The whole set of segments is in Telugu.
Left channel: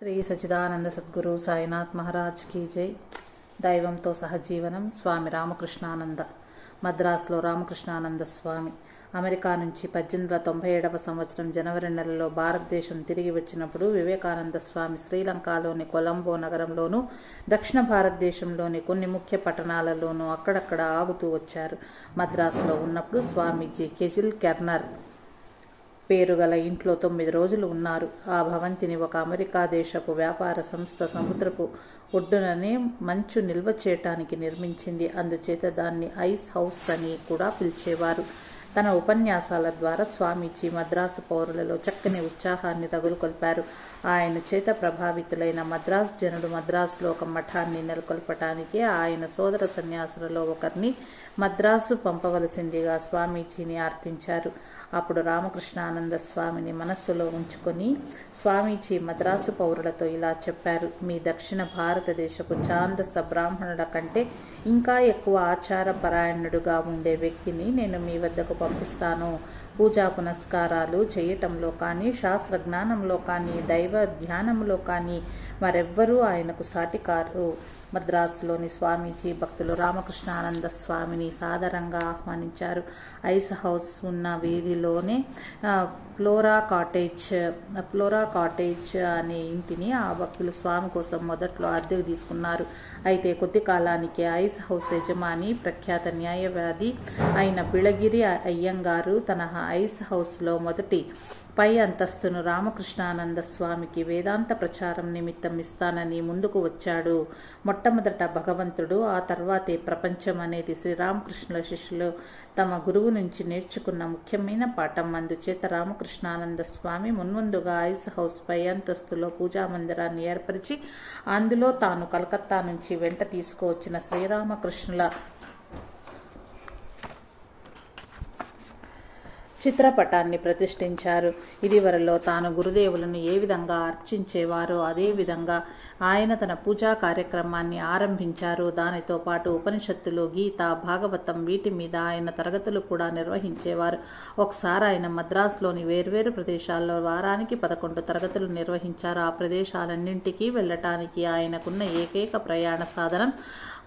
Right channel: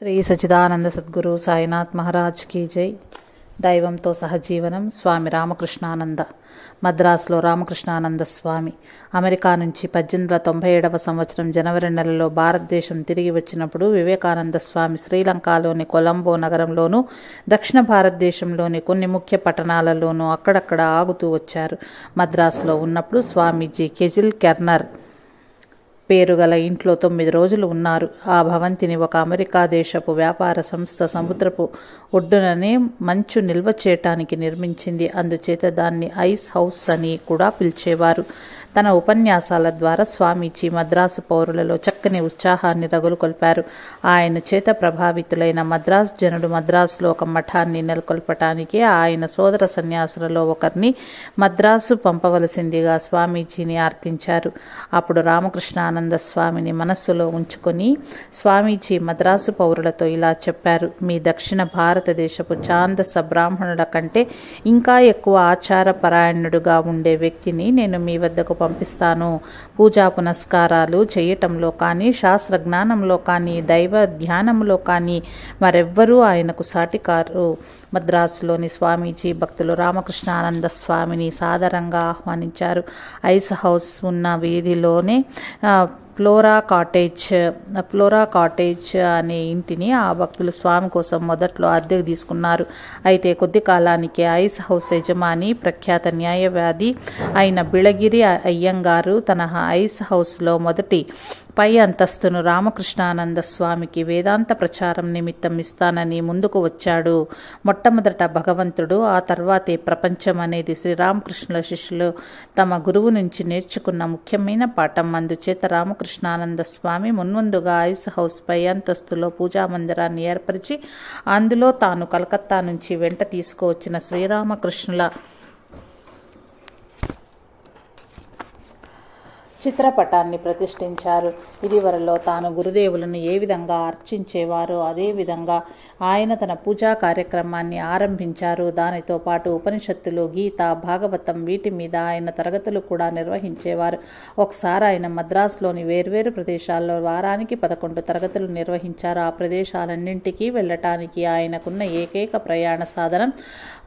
శ్రీ సచిదానంద సద్గురు సాయినాథ్ మహారాజ్ కీ జై. దైవంతో సహజీవనం. స్వామి రామకృష్ణానంద. మద్రాసులో రామకృష్ణానంద స్వామి అమెరికా నుంచి 1897వ సంవత్సరం జనవరి నెలలో భారతదేశం తిరిగి వచ్చినప్పుడు వివేకానంద స్వామి శ్రీలంకలోని కొలంబో నగరంలోనూ దక్షిణ భారతదేశంలోని కొన్ని ముఖ్య పట్టణాలలోనూ అక్కడక్కడ ఆగుతూ వచ్చారు. మద్రాసులో ఉన్నప్పుడు స్వామీజీ కెజిల్ కెర్నర్ పేరుగల ఇంట్లో 9 రోజులు ఉన్నారు. ఆ భవంతిని ఒక అమెరికా దేశపు వ్యాపార సంస్థ సముద్రపు ఒడ్డుననే మంచు నిల్వ చేయటానికి నిర్మించింది. అందుచేత దాన్ని ఐస్ హౌస్ అని కూడా పిలిచేవారు. తన ఉపన్యాసాల ద్వారా స్వామీజీ మద్రాసు పౌరులలో చక్కని ఉత్సాహాన్ని రగులుకొల్పారు. ఆయన చేత ప్రభావితులైన మద్రాసు జనుడు మద్రాసులో ఒక మఠాన్ని నెలకొల్పటానికి ఆయన సోదర సన్యాసులలో ఒకరిని మద్రాసు పంపవలసిందిగా స్వామీజీని ఆర్థించారు. అప్పుడు రామకృష్ణానంద స్వామిని మనస్సులో ఉంచుకొని స్వామీజీ మద్రాసు పౌరులతో ఇలా చెప్పారు: మీ దక్షిణ భారతదేశపు ఛాందస బ్రాహ్మణుల కంటే ఇంకా ఎక్కువ ఆచార పరాయణుడుగా ఉండే వ్యక్తిని నేను మీ వద్దకు పంపిస్తాను. పూజా పునస్కారాలు చేయటంలో కానీ, శాస్త్ర జ్ఞానంలో కానీ, దైవ ధ్యానంలో కానీ మరెవ్వరూ ఆయనకు సాటికారు. మద్రాసులోని స్వామీజీ భక్తులు రామకృష్ణానంద స్వామిని సాదరంగా ఆహ్వానించారు. ఐస్ హౌస్ ఉన్న వీధిలోనే ఫ్లోరా కాటేజ్ అనే ఇంటిని ఆ భక్తులు స్వామి కోసం మొదట్లో అద్దెకు తీసుకున్నారు. అయితే కొద్ది కాలానికి ఐస్ హౌస్ యజమాని ప్రఖ్యాత న్యాయవాది అయిన బిళగిరి అయ్యంగారు తన ఐస్ హౌస్లో మొదటి పై అంతస్తును రామకృష్ణానంద స్వామికి వేదాంత ప్రచారం నిమిత్తం ఇస్తానని ముందుకు వచ్చాడు. మొట్టమొదట భగవంతుడు, ఆ తర్వాతే ప్రపంచం అనేది శ్రీరామకృష్ణుల శిష్యులు తమ గురువు నుంచి నేర్చుకున్న ముఖ్యమైన పాఠం. అందుచేత రామకృష్ణానంద స్వామి మున్ముందుగా ఐస్ హౌస్ పై అంతస్తులో పూజా మందిరాన్ని ఏర్పరిచి అందులో తాను కలకత్తా నుంచి వెంట తీసుకువచ్చిన శ్రీరామకృష్ణుల చిత్రపటాన్ని ప్రతిష్ఠించారు. ఇదివరలో తాను గురుదేవులను ఏ విధంగా అర్చించేవారో అదే విధంగా ఆయన తన పూజా కార్యక్రమాన్ని ఆరంభించారు. దానితో పాటు ఉపనిషత్తులు, గీత, భాగవతం వీటి మీద ఆయన తరగతులు కూడా నిర్వహించేవారు. ఒకసారి ఆయన మద్రాసులోని వేర్వేరు ప్రదేశాల్లో వారానికి 11 తరగతులు నిర్వహించారు. ఆ ప్రదేశాలన్నింటికీ వెళ్ళటానికి ఆయనకున్న ఏకైక ప్రయాణ సాధనం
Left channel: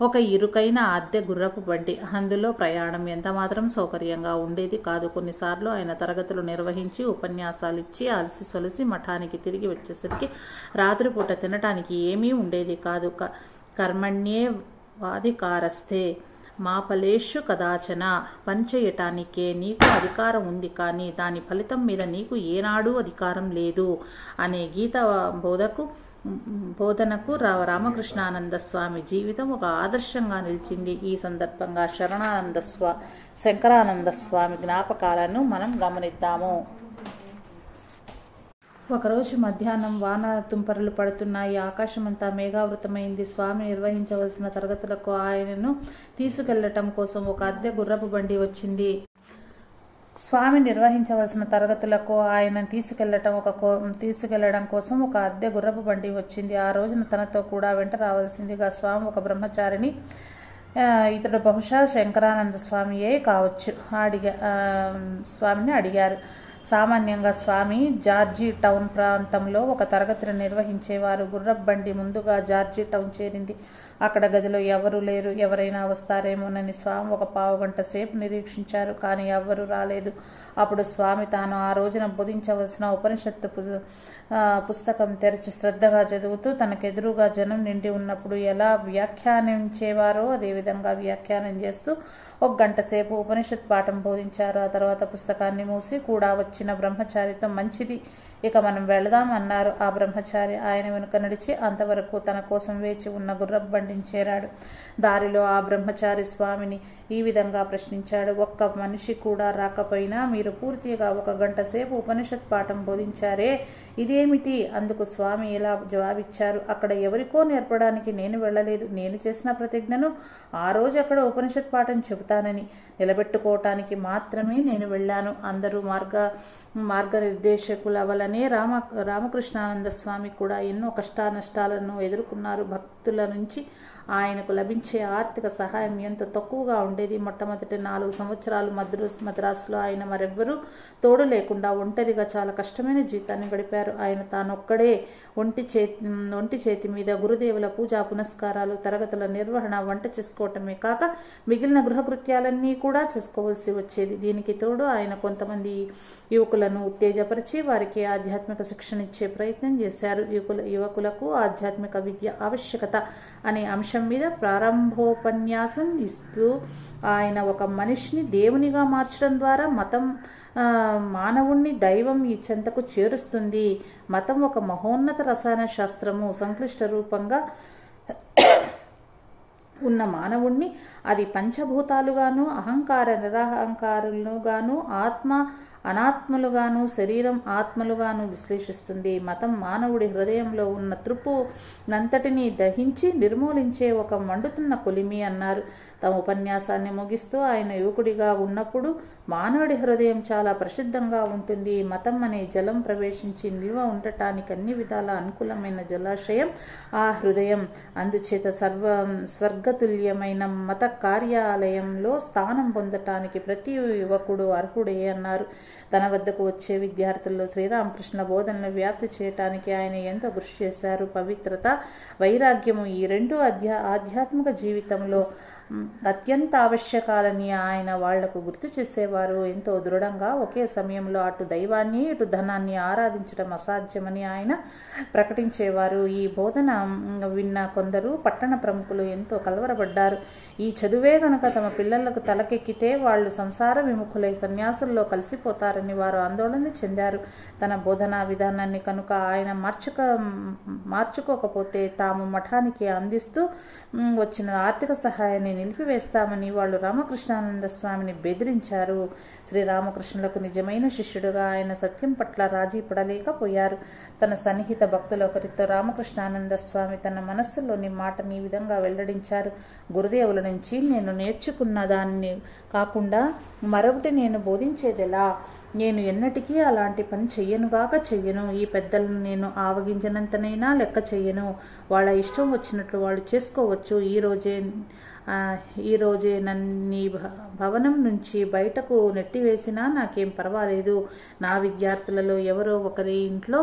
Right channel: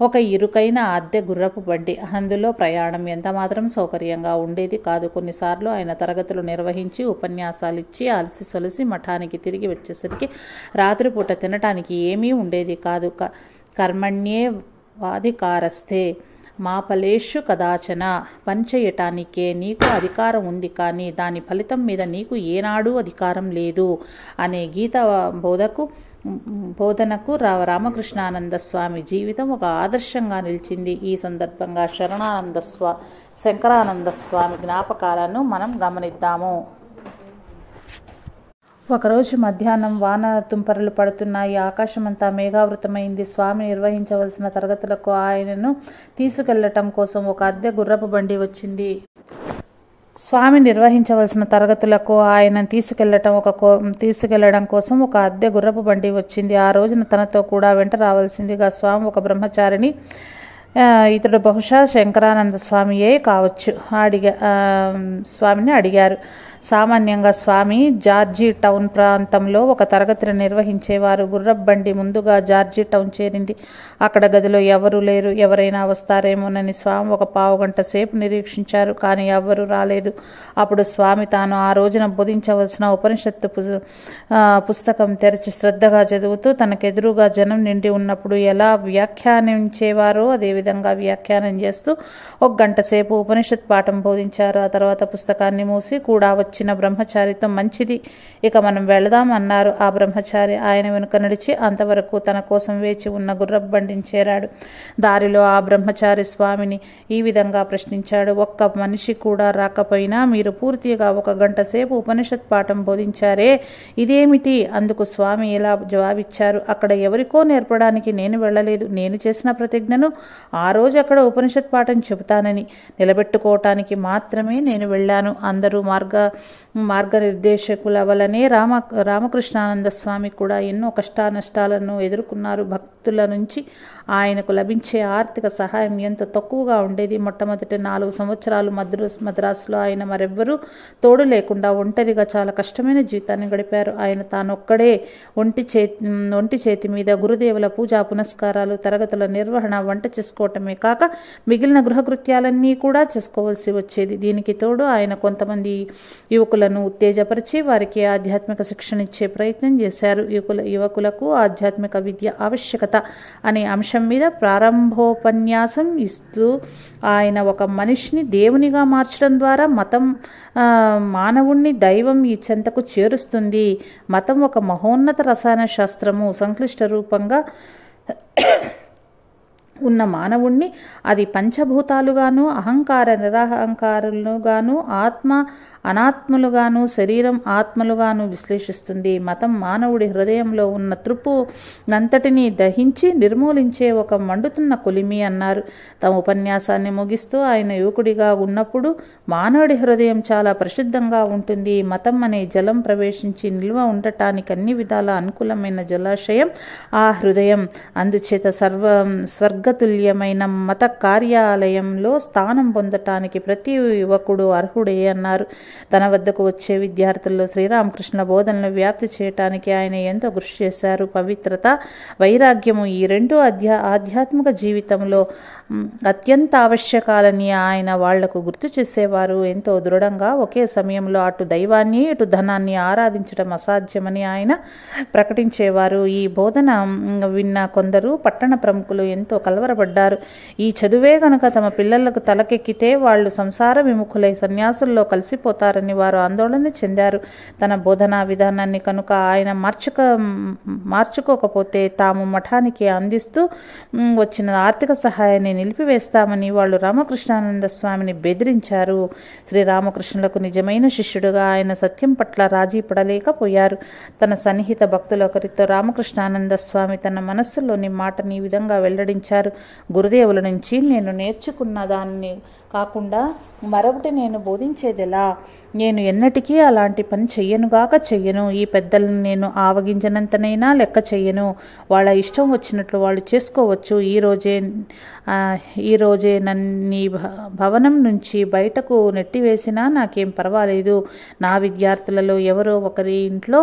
ఒక ఇరుకైన అద్దె గుర్రపు బండి. అందులో ప్రయాణం ఎంతమాత్రం సౌకర్యంగా ఉండేది కాదు. కొన్నిసార్లు ఆయన తరగతులు నిర్వహించి ఉపన్యాసాలు ఇచ్చి అలసి సొలసి మఠానికి తిరిగి వచ్చేసరికి రాత్రిపూట తినటానికి ఏమీ ఉండేది కాదు. కర్మణ్యే వాధికారస్థే మా ఫలేషు కదాచన. పనిచేయటానికే నీకు అధికారం ఉంది, కానీ దాని ఫలితం మీద నీకు ఏనాడూ అధికారం లేదు అనే గీత బోధనకు రామకృష్ణానంద స్వామి జీవితం ఒక ఆదర్శంగా నిలిచింది. ఈ సందర్భంగా శంకరానంద స్వామి జ్ఞాపకాలను మనం గమనిద్దాము. ఒకరోజు మధ్యాహ్నం వాన తుంపరలు పడుతున్నాయి. ఆకాశమంతా మేఘావృతమైంది. స్వామి నిర్వహించవలసిన తరగతులకు ఆయనను తీసుకెళ్లటం కోసం ఒక అద్దె గుర్రపు బండి వచ్చింది. స్వామి నిర్వహించవలసిన తరగతులకు ఆయన తీసుకెళ్లడం కోసం ఒక అద్దె గుర్రపు బండి వచ్చింది. ఆ రోజున తనతో కూడా వెంట రావాల్సిందిగా స్వామి ఒక బ్రహ్మచారిని, ఇతడు బహుశా శంకరానంద స్వామియే కావచ్చు, స్వామిని అడిగారు. సామాన్యంగా స్వామి జార్జీ టౌన్ ప్రాంతంలో ఒక తరగతిని నిర్వహించేవారు. గుర్రపు బండి ముందుగా జార్జీ టౌన్ చేరింది. అక్కడ గదిలో ఎవరూ లేరు. ఎవరైనా వస్తారేమోనని స్వామి ఒక పావుగంట సేపు నిరీక్షించారు, కానీ ఎవ్వరూ రాలేదు. అప్పుడు స్వామి తాను ఆ రోజున బోధించవలసిన ఉపనిషత్తు పుస్తకం తెరిచి శ్రద్ధగా చదువుతూ తనకెదురుగా జనం నిండి ఉన్నప్పుడు ఎలా వ్యాఖ్యానించేవారో అదేవిధంగా వ్యాఖ్యానం చేస్తూ 1 గంట సేపు ఉపనిషత్ పాఠం బోధించారు. ఆ తర్వాత పుస్తకాన్ని మూసి కూడా వచ్చిన బ్రహ్మచారితో, మంచిది, ఇక మనం వెళదాం అన్నారు. ఆ బ్రహ్మచారి ఆయన వెనుక నడిచి అంతవరకు తన కోసం వేచి ఉన్న గుర్రపు బండిని చేరాడు. దారిలో ఆ బ్రహ్మచారి స్వామిని ఈ విధంగా ప్రశ్నించాడు: ఒక్క మనిషి కూడా రాకపోయినా మీరు పూర్తిగా 1 గంట సేపు ఉపనిషత్ పాఠం బోధించారే, ఇదేమిటి? అందుకు స్వామి ఇలా జవాబిచ్చారు: అక్కడ ఎవరికో నేర్పడానికి నేను వెళ్ళలేదు. నేను చేసిన ప్రతిజ్ఞను ఆ రోజు అక్కడ ఉపనిషత్ పాఠం చెబుతానని నిలబెట్టుకోవటానికి మాత్రమే నేను వెళ్ళాను. అందరూ మార్గనిర్దేశకుల వలనే రామకృష్ణానంద స్వామి కూడా ఎన్నో కష్టానష్టాలను ఎదుర్కొన్నారు. భక్తుల నుంచి ఆయనకు లభించే ఆర్థిక సహాయం ఎంతో తక్కువగా ఉండేది. మొట్టమొదటి 4 సంవత్సరాలు మద్రాసులో ఆయన మరెవ్వరూ తోడు లేకుండా ఒంటరిగా చాలా కష్టమైన జీవితాన్ని గడిపారు. ఆయన తానొక్కడే ఒంటి చేతి మీద గురుదేవుల పూజా పునస్కారాలు, తరగతుల నిర్వహణ, వంట చేసుకోవటమే కాక మిగిలిన గృహకృత్యాలన్నీ కూడా చేసుకోవాల్సి వచ్చేది. దీనికి తోడు ఆయన కొంతమంది యువకులను ఉత్తేజపరిచి వారికి ఆధ్యాత్మిక శిక్షణ ఇచ్చే ప్రయత్నం చేశారు. యువకులకు ఆధ్యాత్మిక విద్య ఆవశ్యకత అనే అంశం మీద ప్రారంభోపన్యాసం ఇస్తూ ఆయన ఒక మనిషిని దేవునిగా మార్చడం ద్వారా మతం మానవుణ్ణి దైవం ఈ చెంతకు చేరుస్తుంది. మతం ఒక మహోన్నత రసాయన శాస్త్రము. సంక్లిష్ట రూపంగా ఉన్న మానవుణ్ణి అది పంచభూతాలుగాను, అహంకార నిరహంకారులుగాను, ఆత్మ అనాత్మలుగాను, శరీరం ఆత్మలుగాను విశ్లేషిస్తుంది. మతం మానవుడి హృదయంలో ఉన్న నంతటినీ దహించి నిర్మూలించే ఒక మండుతున్న కొలిమి అన్నారు. తమ ఉపన్యాసాన్ని ముగిస్తూ ఆయన యువకుడిగా ఉన్నప్పుడు మానవుడి హృదయం చాలా ప్రసిద్ధంగా ఉంటుంది. మతం అనే జలం ప్రవేశించి నిల్వ ఉండటానికి అన్ని విధాల అనుకూలమైన జలాశయం ఆ హృదయం. అందుచేత స్వర్గతుల్యమైన మత కార్యాలయంలో స్థానం పొందటానికి ప్రతి యువకుడు అర్హుడే అన్నారు. తన వద్దకు వచ్చే విద్యార్థుల్లో శ్రీరామకృష్ణ బోధనలు వ్యాప్తి చేయటానికి ఆయన ఎంతో కృషి చేశారు. పవిత్రత, వైరాగ్యము ఈ రెండు ఆధ్యాత్మిక జీవితంలో అత్యంత ఆవశ్యకాలని ఆయన వాళ్లకు గుర్తు చేసేవారు. ఎంతో దృఢంగా ఒకే సమయంలో అటు దైవాన్ని ఇటు ధనాన్ని ఆరాధించడం అసాధ్యమని ఆయన ప్రకటించేవారు. ఈ బోధన విన్న కొందరు పట్టణ ప్రముఖులు ఎంతో కలవరపడ్డారు. ఈ చదువే గనుక తమ పిల్లలకు తలకెక్కితే వాళ్ళు సంసార విముఖులై సన్యాసుల్లో కలిసిపోతారని వారు ఆందోళన చెందారు. తన బోధనా విధానాన్ని కనుక ఆయన మార్చుకోకపోతే తాము మఠానికి అందిస్తూ వచ్చిన ఆర్థిక సహాయాన్ని నిలిపివేస్తామని వాళ్ళు రామకృష్ణానంద స్వామిని బెదిరించారు. శ్రీరామకృష్ణులకు నిజమైన శిష్యుడుగా ఆయన సత్యం పట్ల రాజీ పడలేకపోయారు. తన సన్నిహిత భక్తులొకరితో రామకృష్ణానంద స్వామి తన మనస్సులోని మాటని ఈ విధంగా వెల్లడించారు. గురుదేవుల నుంచి నేను నేర్చుకున్న దాన్ని కాకుండా మరొకటి నేను బోధించేదెలా? నేను ఎన్నటికీ అలాంటి పని చెయ్యను. ఈ పెద్దల్ని నేను ఆవగింజనంతనైనా లెక్క చెయ్యను. వాళ్ళ ఇష్టం వచ్చినట్లు వాళ్ళు చేసుకోవచ్చు. ఈ రోజే నన్ను భవనం నుంచి బయటకు నెట్టివేసినా నాకేం పర్వాలేదు. నా విద్యార్థులలో ఎవరో ఒకరి ఇంట్లో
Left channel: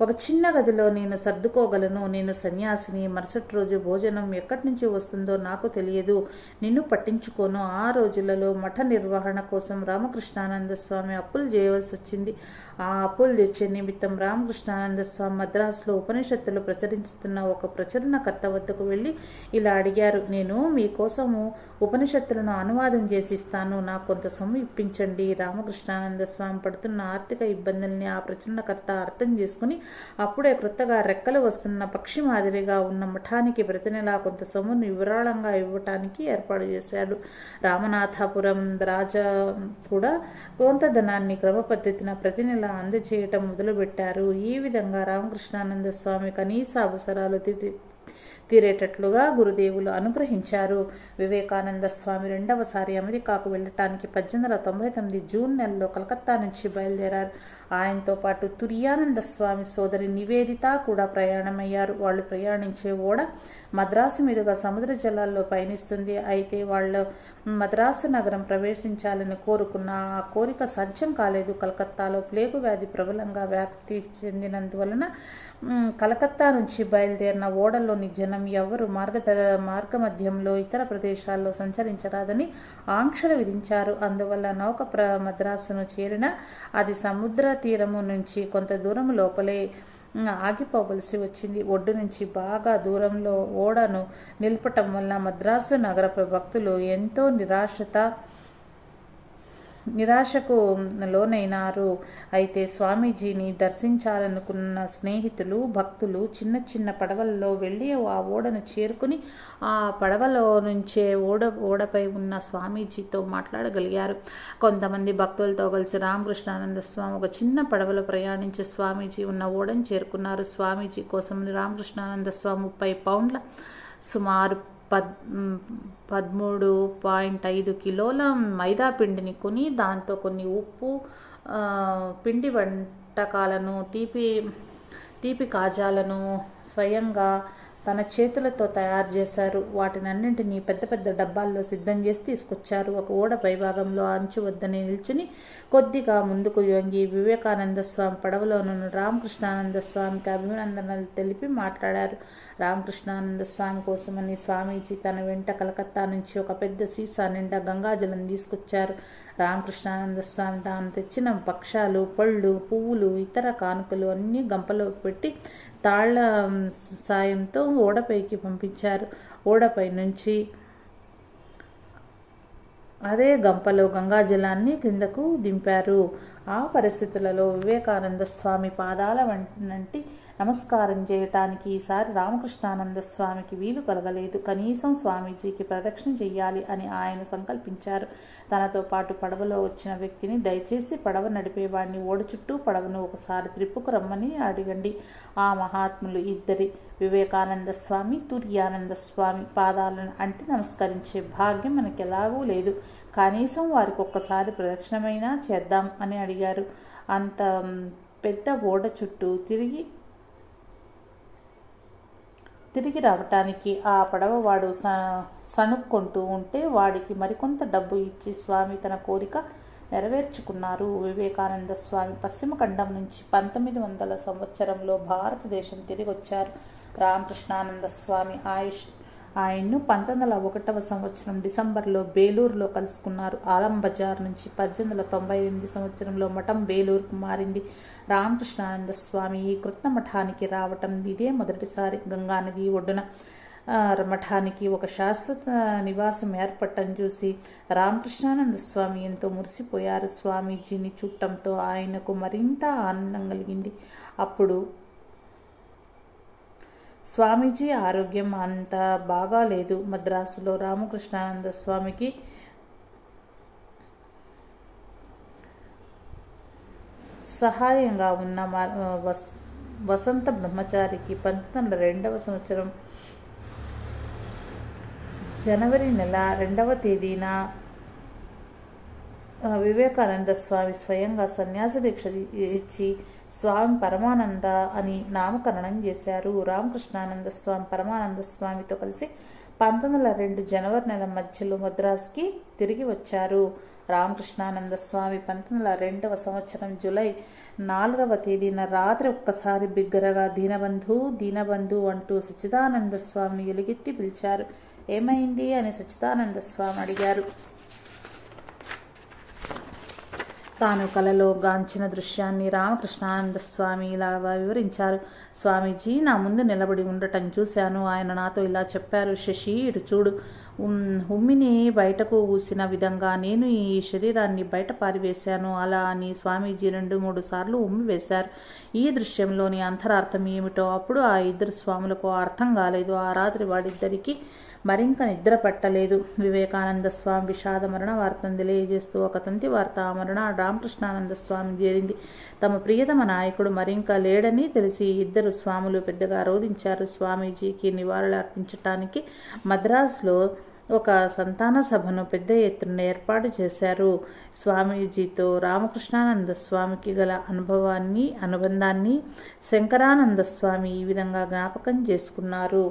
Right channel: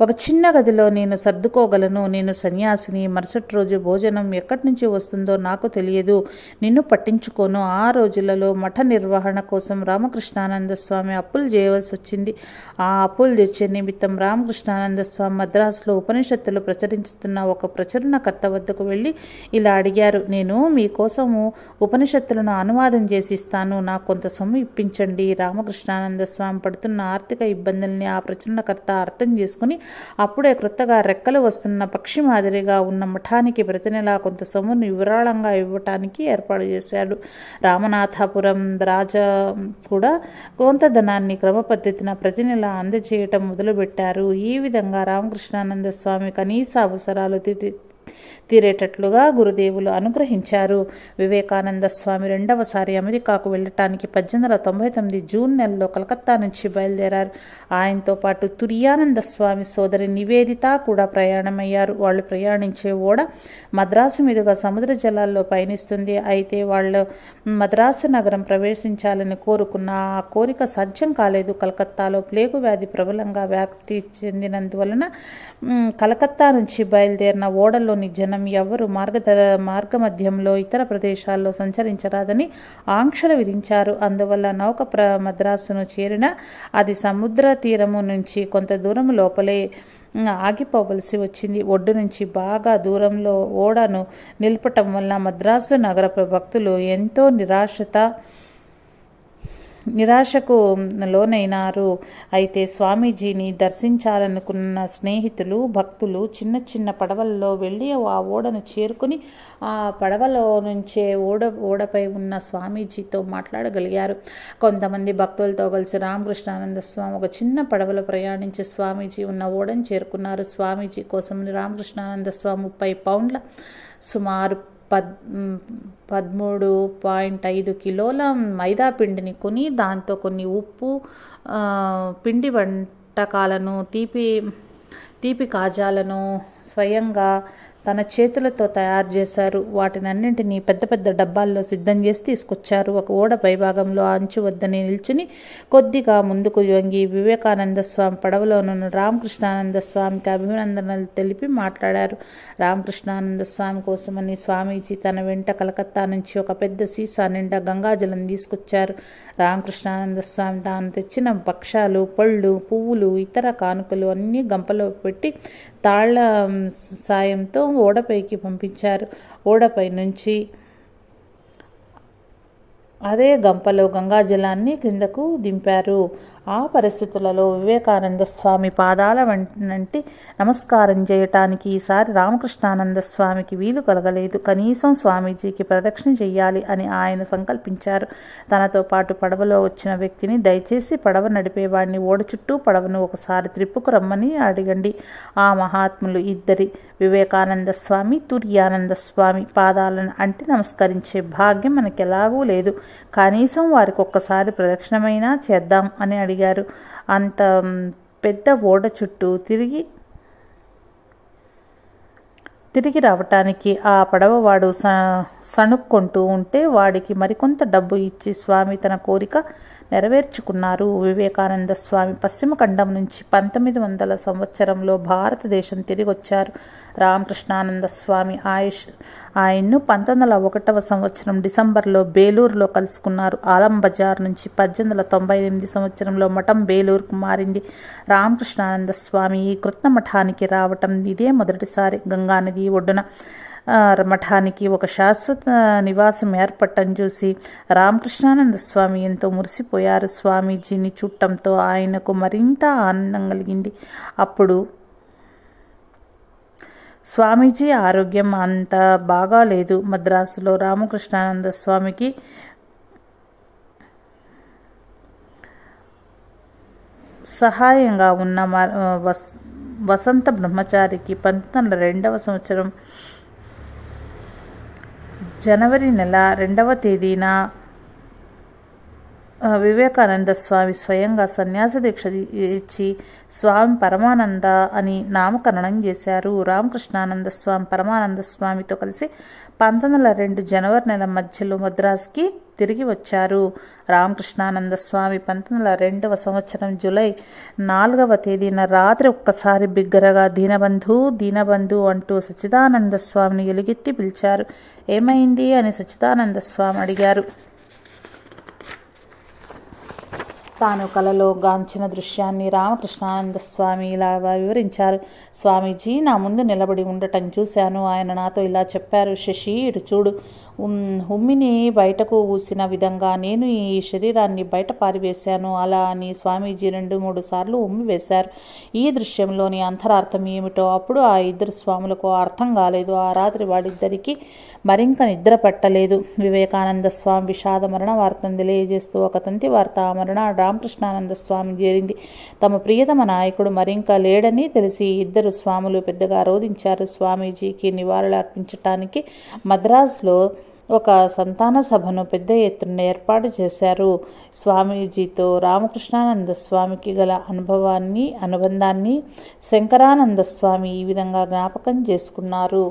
ఒక చిన్న గదిలో నేను సర్దుకోగలను. నేను సన్యాసిని. మరుసటి రోజు భోజనం ఎక్కడి నుంచి వస్తుందో నాకు తెలియదు. నిన్ను పట్టించుకోను. ఆ రోజులలో మఠ నిర్వహణ కోసం రామకృష్ణానంద స్వామి అప్పులు చేయవలసి వచ్చింది. ఆ అప్పులు తెచ్చే నిమిత్తం రామకృష్ణానంద స్వామి మద్రాసులో ఉపనిషత్తులు ప్రచురించుతున్న ఒక ప్రచురణకర్త వద్దకు వెళ్ళి ఇలా అడిగారు. నేను మీకోసము ఉపనిషత్తులను అనువాదం చేసి ఇస్తాను. నాకు కొంత సొమ్ము ఇప్పించండి. రామకృష్ణానంద స్వామి పడుతున్న ఆర్థిక ఇబ్బందుల్ని ఆ ప్రచురణకర్త అర్థం చేసుకుని అప్పుడే క్రొత్తగా రెక్కలు వస్తున్న పక్షి మాదిరిగా ఉన్న మఠానికి ప్రతి నెలా కొంత సొమ్మును విరాళంగా ఇవ్వటానికి ఏర్పాటు చేశాడు. రామనాథపురం రాజా కూడా కొంత ధనాన్ని క్రమపద్ధతిన ప్రతి నెల అందజేయటం మొదలుపెట్టారు. ఈ విధంగా రామకృష్ణానంద స్వామి కనీస అవసరాలు తీరేటట్లుగా గురుదేవులు అనుగ్రహించారు. వివేకానంద స్వామి రెండవసారి అమెరికాకు వెళ్ళటానికి 1899 జూన్ నెలలో కలకత్తా నుంచి బయలుదేరారు. ఆయనతో పాటు తురియానంద స్వామి సోదరి నివేదిత కూడా ప్రయాణమయ్యారు. వాళ్ళు ప్రయాణించే ఓడ మద్రాసు మీదుగా సముద్ర జలాల్లో పయనిస్తుంది. అయితే వాళ్ళు మద్రాసు నగరం ప్రవేశించాలని కోరుకున్న ఆ కోరిక సాధ్యం కాలేదు. కలకత్తాలో ప్లేగు వ్యాధి ప్రబలంగా వ్యాప్తి చెందినందువలన కలకత్తా నుంచి బయలుదేరిన ఓడలోని జనం ఎవరు మార్గమధ్యంలో ఇతర ప్రదేశాల్లో సంచరించరాదని ఆంక్షలు విధించారు. అందువల్ల నౌక మద్రాసును చేరిన అది సముద్ర తీరము నుంచి కొంత దూరం లోపలే ఆగిపోవలసి వచ్చింది. ఒడ్డు నుంచి బాగా దూరంలో ఓడను నిలపటం వల్ల మద్రాసు నగర భక్తులు ఎంతో నిరాశకు లోనైనారు. అయితే స్వామీజీని దర్శించాలనుకున్న స్నేహితులు, భక్తులు చిన్న చిన్న పడవల్లో వెళ్ళి ఆ ఓడను చేరుకుని ఆ పడవలో నుంచే ఓడపై ఉన్న స్వామీజీతో మాట్లాడగలిగారు. కొంతమంది భక్తులతో కలిసి రామకృష్ణానంద స్వామి ఒక చిన్న పడవలో ప్రయాణించి స్వామీజీ ఉన్న ఓడను చేరుకున్నారు. స్వామీజీ కోసం రామకృష్ణానంద స్వామి 30 పౌండ్ల సుమారు 13.5 కిలోల మైదా పిండిని కొని దాంతో కొన్ని ఉప్పు, పిండి వంటకాలను, తీపి కాజాలను స్వయంగా తన చేతులతో తయారు చేశారు. వాటినన్నింటినీ పెద్ద పెద్ద డబ్బాల్లో సిద్ధం చేసి తీసుకొచ్చారు. ఒక ఓడ పైభాగంలో అంచు వద్దని నిల్చుని కొద్దిగా ముందుకు వంగి వివేకానంద స్వామి పడవలోనున్న రామకృష్ణానంద స్వామికి అభినందనలు తెలిపి మాట్లాడారు. రామకృష్ణానంద స్వామి కోసమని స్వామీజీ తన వెంట కలకత్తా నుంచి ఒక పెద్ద సీసా నిండా గంగాజలం తీసుకొచ్చారు. రామకృష్ణానంద స్వామి తాను తెచ్చిన భక్ష్యాలు, పళ్ళు, పువ్వులు, ఇతర కానుకలు అన్నీ గంపలో పెట్టి తాళ్ల సాయంతో ఓడపైకి పంపించారు. ఓడపై నుంచి అదే గంపలో గంగాజలాన్ని కిందకు దింపారు. ఆ పరిస్థితులలో వివేకానంద స్వామి పాదాల వంటి నమస్కారం చేయటానికి ఈసారి రామకృష్ణానంద స్వామికి వీలు కలగలేదు. కనీసం స్వామీజీకి ప్రదక్షిణ చెయ్యాలి అని ఆయన సంకల్పించారు. తనతో పాటు పడవలో వచ్చిన వ్యక్తిని, దయచేసి పడవ నడిపేవాడిని ఓడ చుట్టూ పడవను ఒకసారి త్రిప్పుకు రమ్మని అడగండి. ఆ మహాత్ములు ఇద్దరి, వివేకానంద స్వామి, తుర్యానంద స్వామి పాదాలను అంటి నమస్కరించే భాగ్యం మనకెలాగూ లేదు. కనీసం వారికి ఒక్కసారి ప్రదక్షిణమైనా చేద్దాం అని అడిగారు. అంత పెద్ద ఓడ చుట్టూ తిరిగి రావటానికి ఆ పడవవాడు సణుక్కుంటూ ఉంటే వాడికి మరికొంత డబ్బు ఇచ్చి స్వామి తన కోరిక నెరవేర్చుకున్నారు. వివేకానంద స్వామి పశ్చిమ ఖండం నుంచి 1900 సంవత్సరంలో భారతదేశం తిరిగొచ్చారు. రామకృష్ణానంద స్వామి ఆయన్ను 1901 సంవత్సరం డిసెంబర్లో బేలూరులో కలుసుకున్నారు. ఆలం బజార్ నుంచి 1898 సంవత్సరంలో మఠం బేలూరుకు మారింది. రామకృష్ణానంద స్వామి ఈ కృత్న మఠానికి రావటం ఇదే మొదటిసారి. గంగానది ఒడ్డున మఠానికి ఒక శాశ్వత నివాసం ఏర్పడటం చూసి రామకృష్ణానంద స్వామి ఎంతో మురిసిపోయారు. స్వామీజీని చూడటంతో ఆయనకు మరింత ఆనందం కలిగింది. అప్పుడు స్వామీజీ ఆరోగ్యం అంత బాగాలేదు. మద్రాసులో రామకృష్ణానంద స్వామికి సహాయంగా ఉన్న వసంత బ్రహ్మచారికి 1902 సంవత్సరం జనవరి నెల 2వ తేదీన వివేకానంద స్వామి స్వయంగా సన్యాస దీక్ష ఇచ్చి స్వామి పరమానంద అని నామకరణం చేశారు. రామకృష్ణానంద స్వామి పరమానంద స్వామితో కలిసి 1902 జనవరి నెల మధ్యలో మద్రాసుకి తిరిగి వచ్చారు. రామకృష్ణానంద స్వామి 1902 సంవత్సరం జూలై 4వ తేదీన రాత్రి ఒక్కసారి బిగ్గరగా దీనబంధు అంటూ సచ్చిదానంద స్వామిని ఎలుగెత్తి పిలిచారు. ఏమైంది అని సచ్చిదానంద స్వామి అడిగారు. తాను కలలో గాంచిన దృశ్యాన్ని రామకృష్ణానంద స్వామి ఇలాగా వివరించారు. స్వామీజీ నా ముందు నిలబడి ఉండటం చూశాను. ఆయన నాతో ఇలా చెప్పారు. శశి, ఇటు చూడు. ఉమ్మిని బయటకు ఊసిన విధంగా నేను ఈ శరీరాన్ని బయట పారివేశాను. అలా అని స్వామీజీ 2-3 సార్లు ఉమ్మి వేశారు. ఈ దృశ్యంలోని అంతరార్థం ఏమిటో అప్పుడు ఆ ఇద్దరు స్వాములకు అర్థం కాలేదు. ఆ రాత్రి వాడిద్దరికీ మరింక నిద్ర పట్టలేదు. వివేకానంద స్వామి విషాద మరణ వార్తను తెలియజేస్తూ ఒక తంతి వార్త ఆ మరణ రామకృష్ణానంద స్వామి చేరింది. తమ ప్రియతమ నాయకుడు మరింక లేడని తెలిసి ఇద్దరు స్వాములు పెద్దగా రోధించారు. స్వామీజీకి నివాళులు అర్పించటానికి మద్రాసులో ఒక సంతాన సభను పెద్ద ఎత్తున ఏర్పాటు చేశారు. స్వామీజీతో రామకృష్ణానంద స్వామికి గల అనుబంధాన్ని శంకరానంద స్వామి ఈ విధంగా జ్ఞాపకం చేసుకున్నారు.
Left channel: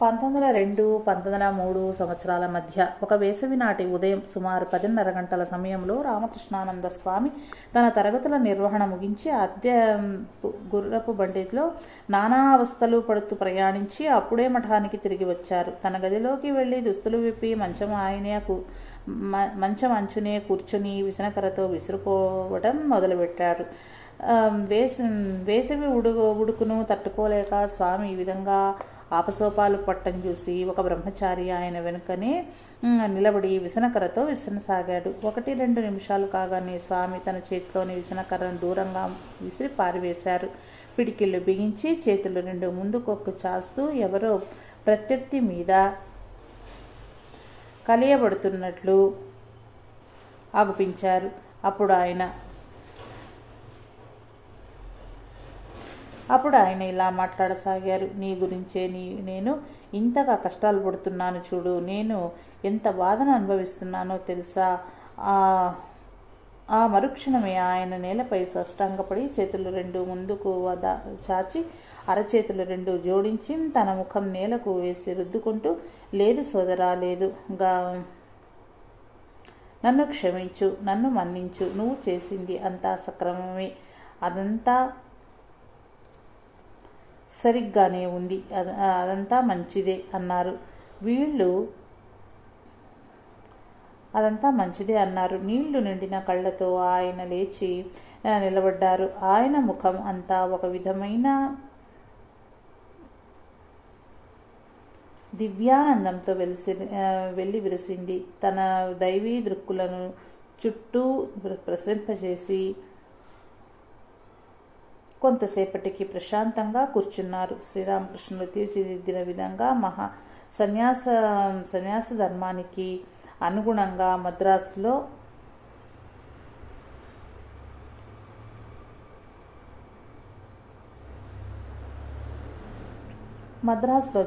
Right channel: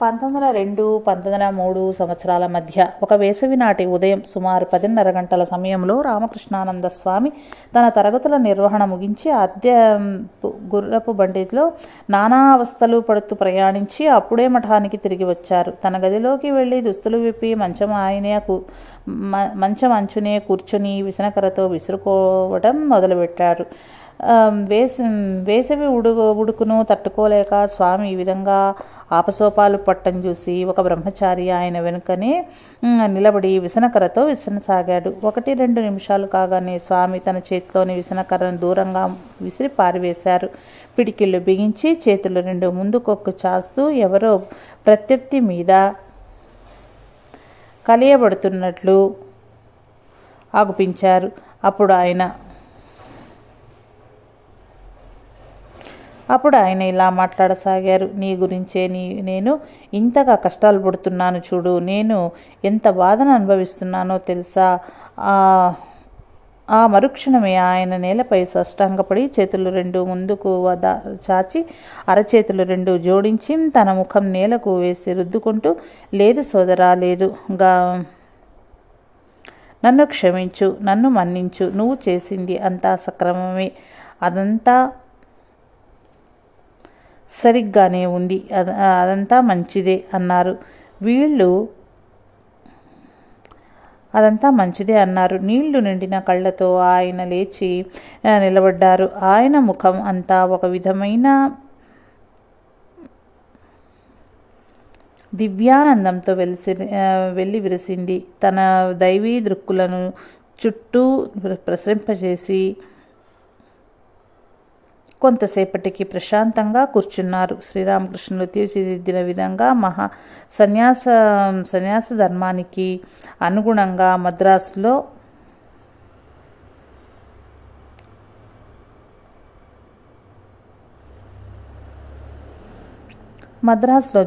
1902-1903 సంవత్సరాల మధ్య ఒక వేసవి నాటి ఉదయం సుమారు 10:30 గంటల సమయంలో రామకృష్ణానంద స్వామి తన తరగతుల నిర్వహణ ముగించి అద్దె గుర్రపు బండిలో నానా అవస్థలు పడుతూ ప్రయాణించి అప్పుడే మఠానికి తిరిగి వచ్చారు. తన గదిలోకి వెళ్ళి దుస్తులు విప్పి మంచం అంచునే కూర్చొని విసనకరతో విసురుకోవడం మొదలుపెట్టారు. వేసవి ఉడుకును తట్టుకోలేక స్వామి ఈ విధంగా ఆపసోపాలు పట్టం చూసి ఒక బ్రహ్మచారి ఆయన వెనుకనే నిలబడి విసనకరతో విసనసాగాడు. 1-2 నిమిషాలు కాగానే స్వామి తన చేతిలోని విసనకర్రను దూరంగా విసిరి పారివేశారు. పిడికిళ్ళు బిగించి చేతులు 2 ముందుకొక్కు చాస్తూ ఎవరో ప్రత్యర్థి మీద కలియబడుతున్నట్లు ఆగుపించారు. అప్పుడు ఆయన ఇలా మాట్లాడసాగారు. నీ గురించే నేను ఇంతగా కష్టాలు పడుతున్నాను చూడు. నేను ఎంత బాధను అనుభవిస్తున్నానో తెలుసా? ఆ మరుక్షణమే ఆయన నేలపై సాష్టాంగపడి చేతులు రెండు ముందుకు చాచి అరచేతులు రెండు జోడించి తన ముఖం నేలకు వేసి రుద్దుకుంటూ, లేదు సోదరా, లేదు, నన్ను క్షమించు, నన్ను మన్నించు, నువ్వు చేసింది అంతా సక్రమమే, అదంతా సరిగ్గానే ఉంది, అదంతా మంచిదే అన్నారు. అదంతా మంచిదే అన్నారు. నీళ్లు నిండిన కళ్ళతో ఆయన లేచి నిలబడ్డారు. ఆయన ముఖం అంతా ఒక విధమైన దివ్యానందంతో వెళ్ళి విరిసింది. తన దైవీ దృక్కులను చుట్టూ ప్రసరింపజేసి కొంతసేపటికి ప్రశాంతంగా కూర్చున్నారు. శ్రీరామకృష్ణులు తీర్చిదిద్దిన విధంగా సన్యాస ధర్మానికి అనుగుణంగా మద్రాసులో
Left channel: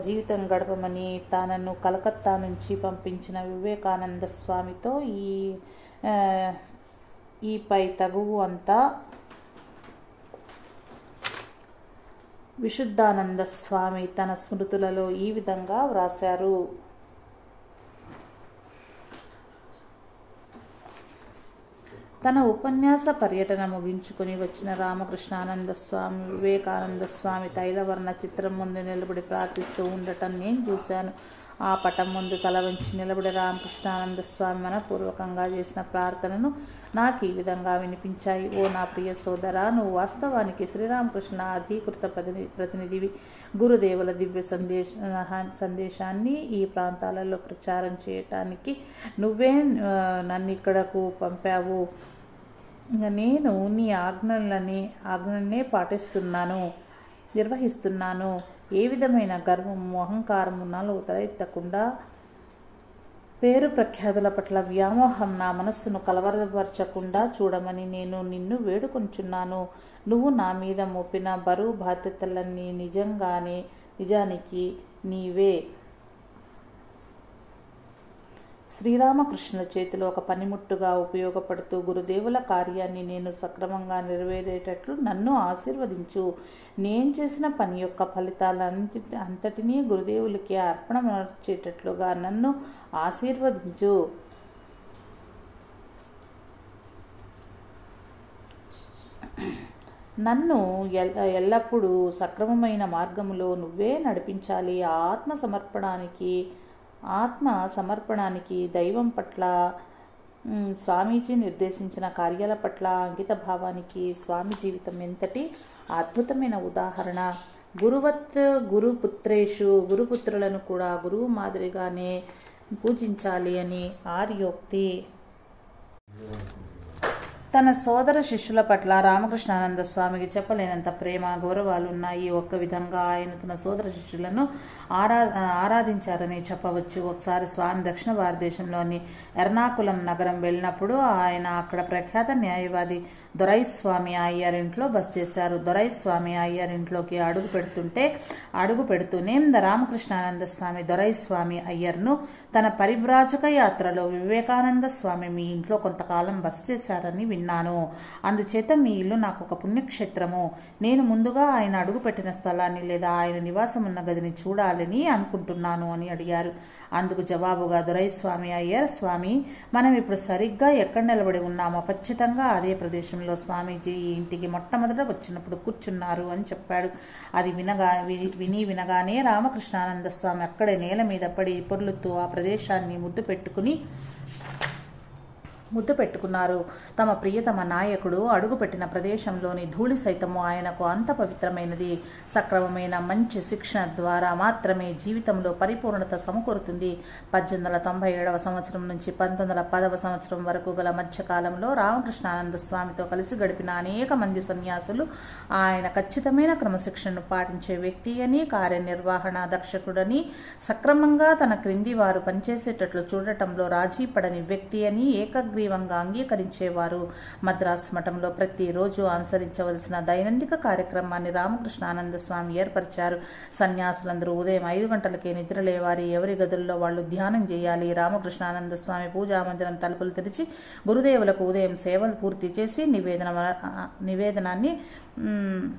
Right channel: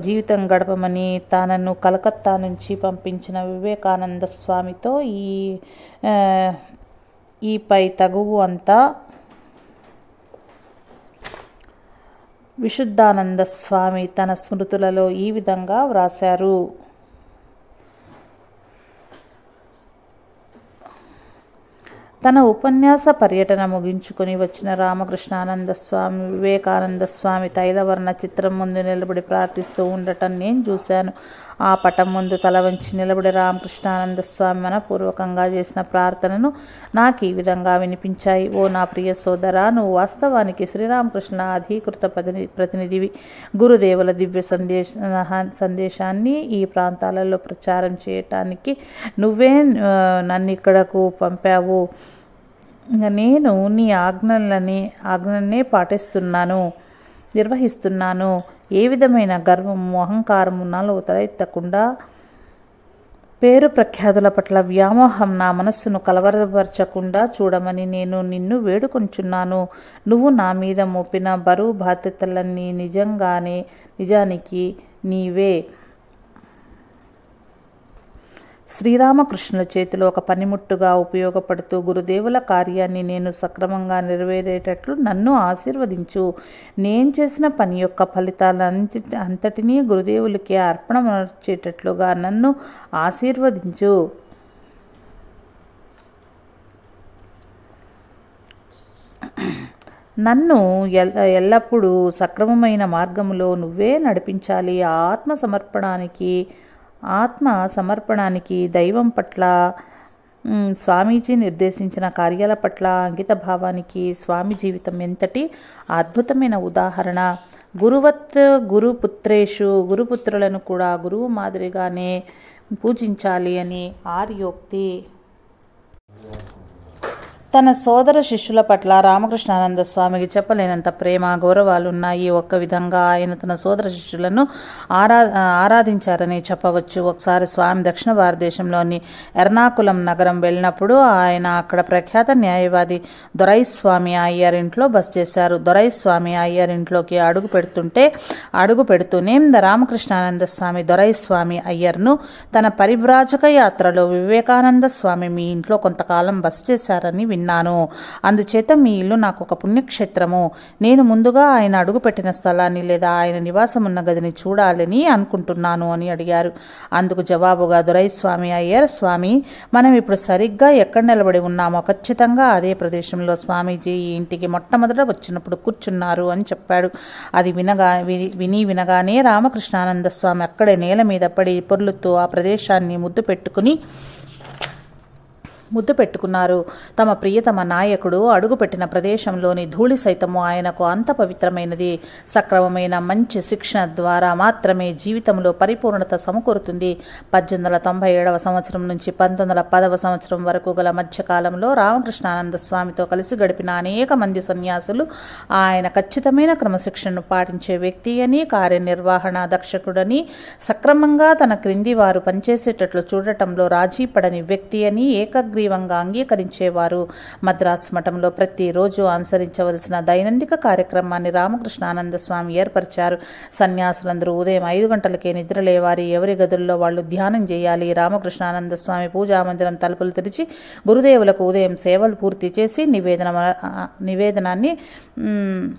జీవితం గడపమని తనను కలకత్తా నుంచి పంపించిన వివేకానంద స్వామితో ఈ పై తగువు అంతా విశుద్ధానంద స్వామి తన స్మృతులలో ఈ విధంగా వ్రాశారు. తన ఉపన్యాస పర్యటన ముగించుకొని వచ్చిన రామకృష్ణానంద స్వామి వివేకానంద స్వామి తైలవర్ణ చిత్రం ముందు నిలబడి ప్రార్థిస్తూ ఉండటం నేను చూశాను. ఆ పటం ముందు తల వంచి నిలబడి రామకృష్ణానంద స్వామి మనపూర్వకంగా చేసిన ప్రార్థనను నాకు ఈ విధంగా వినిపించాయి. ఓ నా ప్రియ సోదరా, నువ్వు వాస్తవానికి శ్రీరామకృష్ణ అధీకృత ప్రతినిధివి. గురుదేవుల దివ్య సందేశాన్ని ఈ ప్రాంతాలలో ప్రచారం చేయటానికి నువ్వే నన్నిక్కడకు పంపావు. నేను నీ ఆజ్ఞలనే నిర్వహిస్తున్నాను. ఏ విధమైన గర్వము, అహంకారము నాలో తలెత్తకుండా, పేరు ప్రఖ్యాతుల పట్ల వ్యామోహం నా మనస్సును కలవరపరచకుండా చూడమని నేను నిన్ను వేడుకొంచున్నాను. నువ్వు నా మీద మోపిన బరువు బాధ్యతలన్నీ నిజానికి నీవే శ్రీరామకృష్ణుల చేతిలో ఒక పనిముట్టుగా ఉపయోగపడుతూ గురుదేవుల కార్యాన్ని నేను సక్రమంగా నెరవేరేటట్లు నన్ను ఆశీర్వదించు. నేను చేసిన పని యొక్క ఫలితాలంతటినీ గురుదేవులకి అర్పణమర్చేటట్లుగా నన్ను ఆశీర్వదించు. నన్ను ఎల్లప్పుడూ సక్రమమైన మార్గములో నువ్వే నడిపించాలి. ఆత్మ సమర్పణానికి, దైవం పట్ల, స్వామీజీ నిర్దేశించిన కార్యాల పట్ల అంకిత భావానికి స్వామి జీవితం ఎంతటి అద్భుతమైన ఉదాహరణ. గురుపుత్రులను కూడా గురువు మాదిరిగానే పూజించాలి అని ఆర్యోక్తి. తన సోదర శిష్యుల పట్ల రామకృష్ణానంద స్వామికి చెప్పలేనంత ప్రేమ, గౌరవాలున్నాయి. ఒక్క విధంగా ఆయన తన సోదర శిష్యులను ఆరాధించారని చెప్పవచ్చు. ఒకసారి స్వామి దక్షిణ భారతదేశంలోని ఎర్నాకులం నగరం వెళ్ళినప్పుడు ఆయన అక్కడ ప్రఖ్యాత న్యాయవాది దొరైస్వామి అయ్యర్ ఇంట్లో బస చేశారు. దొరైస్వామి అయ్యర్ ఇంట్లోకి అడుగు పెడుతూనే రామకృష్ణానంద స్వామి దొరైస్వామి అయ్యర్ను తన పరివ్రాజక యాత్రలో వివేకానంద స్వామి మీ ఇంట్లో కొంతకాలం బస చేశారని విన్నాను. అందుచేత మీ ఇల్లు నాకు ఒక పుణ్యక్షేత్రము. నేను ముందుగా ఆయన అడుగుపెట్టిన స్థలాన్ని లేదా ఆయన నివాసం ఉన్న గదిని చూడాలని అనుకుంటున్నాను అని అడిగారు. అందుకు జవాబుగా దొరైస్వామి అయ్యర్, స్వామి, మనం ఇప్పుడు సరిగ్గా ఎక్కడ నిలబడి ఉన్నామో ఖచ్చితంగా అదే ప్రదేశంలో స్వామీజీ ఈ ఇంటికి మొట్టమొదట వచ్చినప్పుడు కూర్చున్నారు అని చెప్పాడు. అది వినగానే రామకృష్ణానంద స్వామి అక్కడే నేల మీద పడి పొర్లుతూ ఆ ప్రదేశాన్ని ముద్దు పెట్టుకున్నారు. తమ ప్రియతమ నాయకుడు అడుగుపెట్టిన ప్రదేశంలోని ధూళి సైతము ఆయనకు అంత పవిత్రమైనది. సక్రమమైన మంచి శిక్షణ ద్వారా మాత్రమే జీవితంలో పరిపూర్ణత సమకూరుతుంది. 1897 సంవత్సరం నుంచి 1910 సంవత్సరం వరకు గల మధ్యకాలంలో రామకృష్ణానంద స్వామితో కలిసి గడిపిన అనేక మంది సన్యాసులు ఆయన ఖచ్చితమైన క్రమశిక్షణను పాటించే వ్యక్తి అని, కార్యనిర్వహణ దక్షకుడని, సక్రమంగా తన క్రింది వారు పనిచేసేటట్లు చూడటంలో రాజీ పడని వ్యక్తి అని, ఏకగ్రీవ ఏకగ్రీవంగా అంగీకరించేవారు. మద్రాసు మఠంలో ప్రతిరోజు అనుసరించవలసిన దైనందిక కార్యక్రమాన్ని రామకృష్ణానంద స్వామి ఏర్పరిచారు. సన్యాసులందరూ ఉదయం 5 గంటలకే నిద్రలేవారి, ఎవరి గదుల్లో వాళ్ళు ధ్యానం చేయాలి. రామకృష్ణానంద స్వామి పూజామందిరం తలుపులు తెరిచి గురుదేవులకు ఉదయం సేవలు పూర్తి చేసి నివేదనాన్ని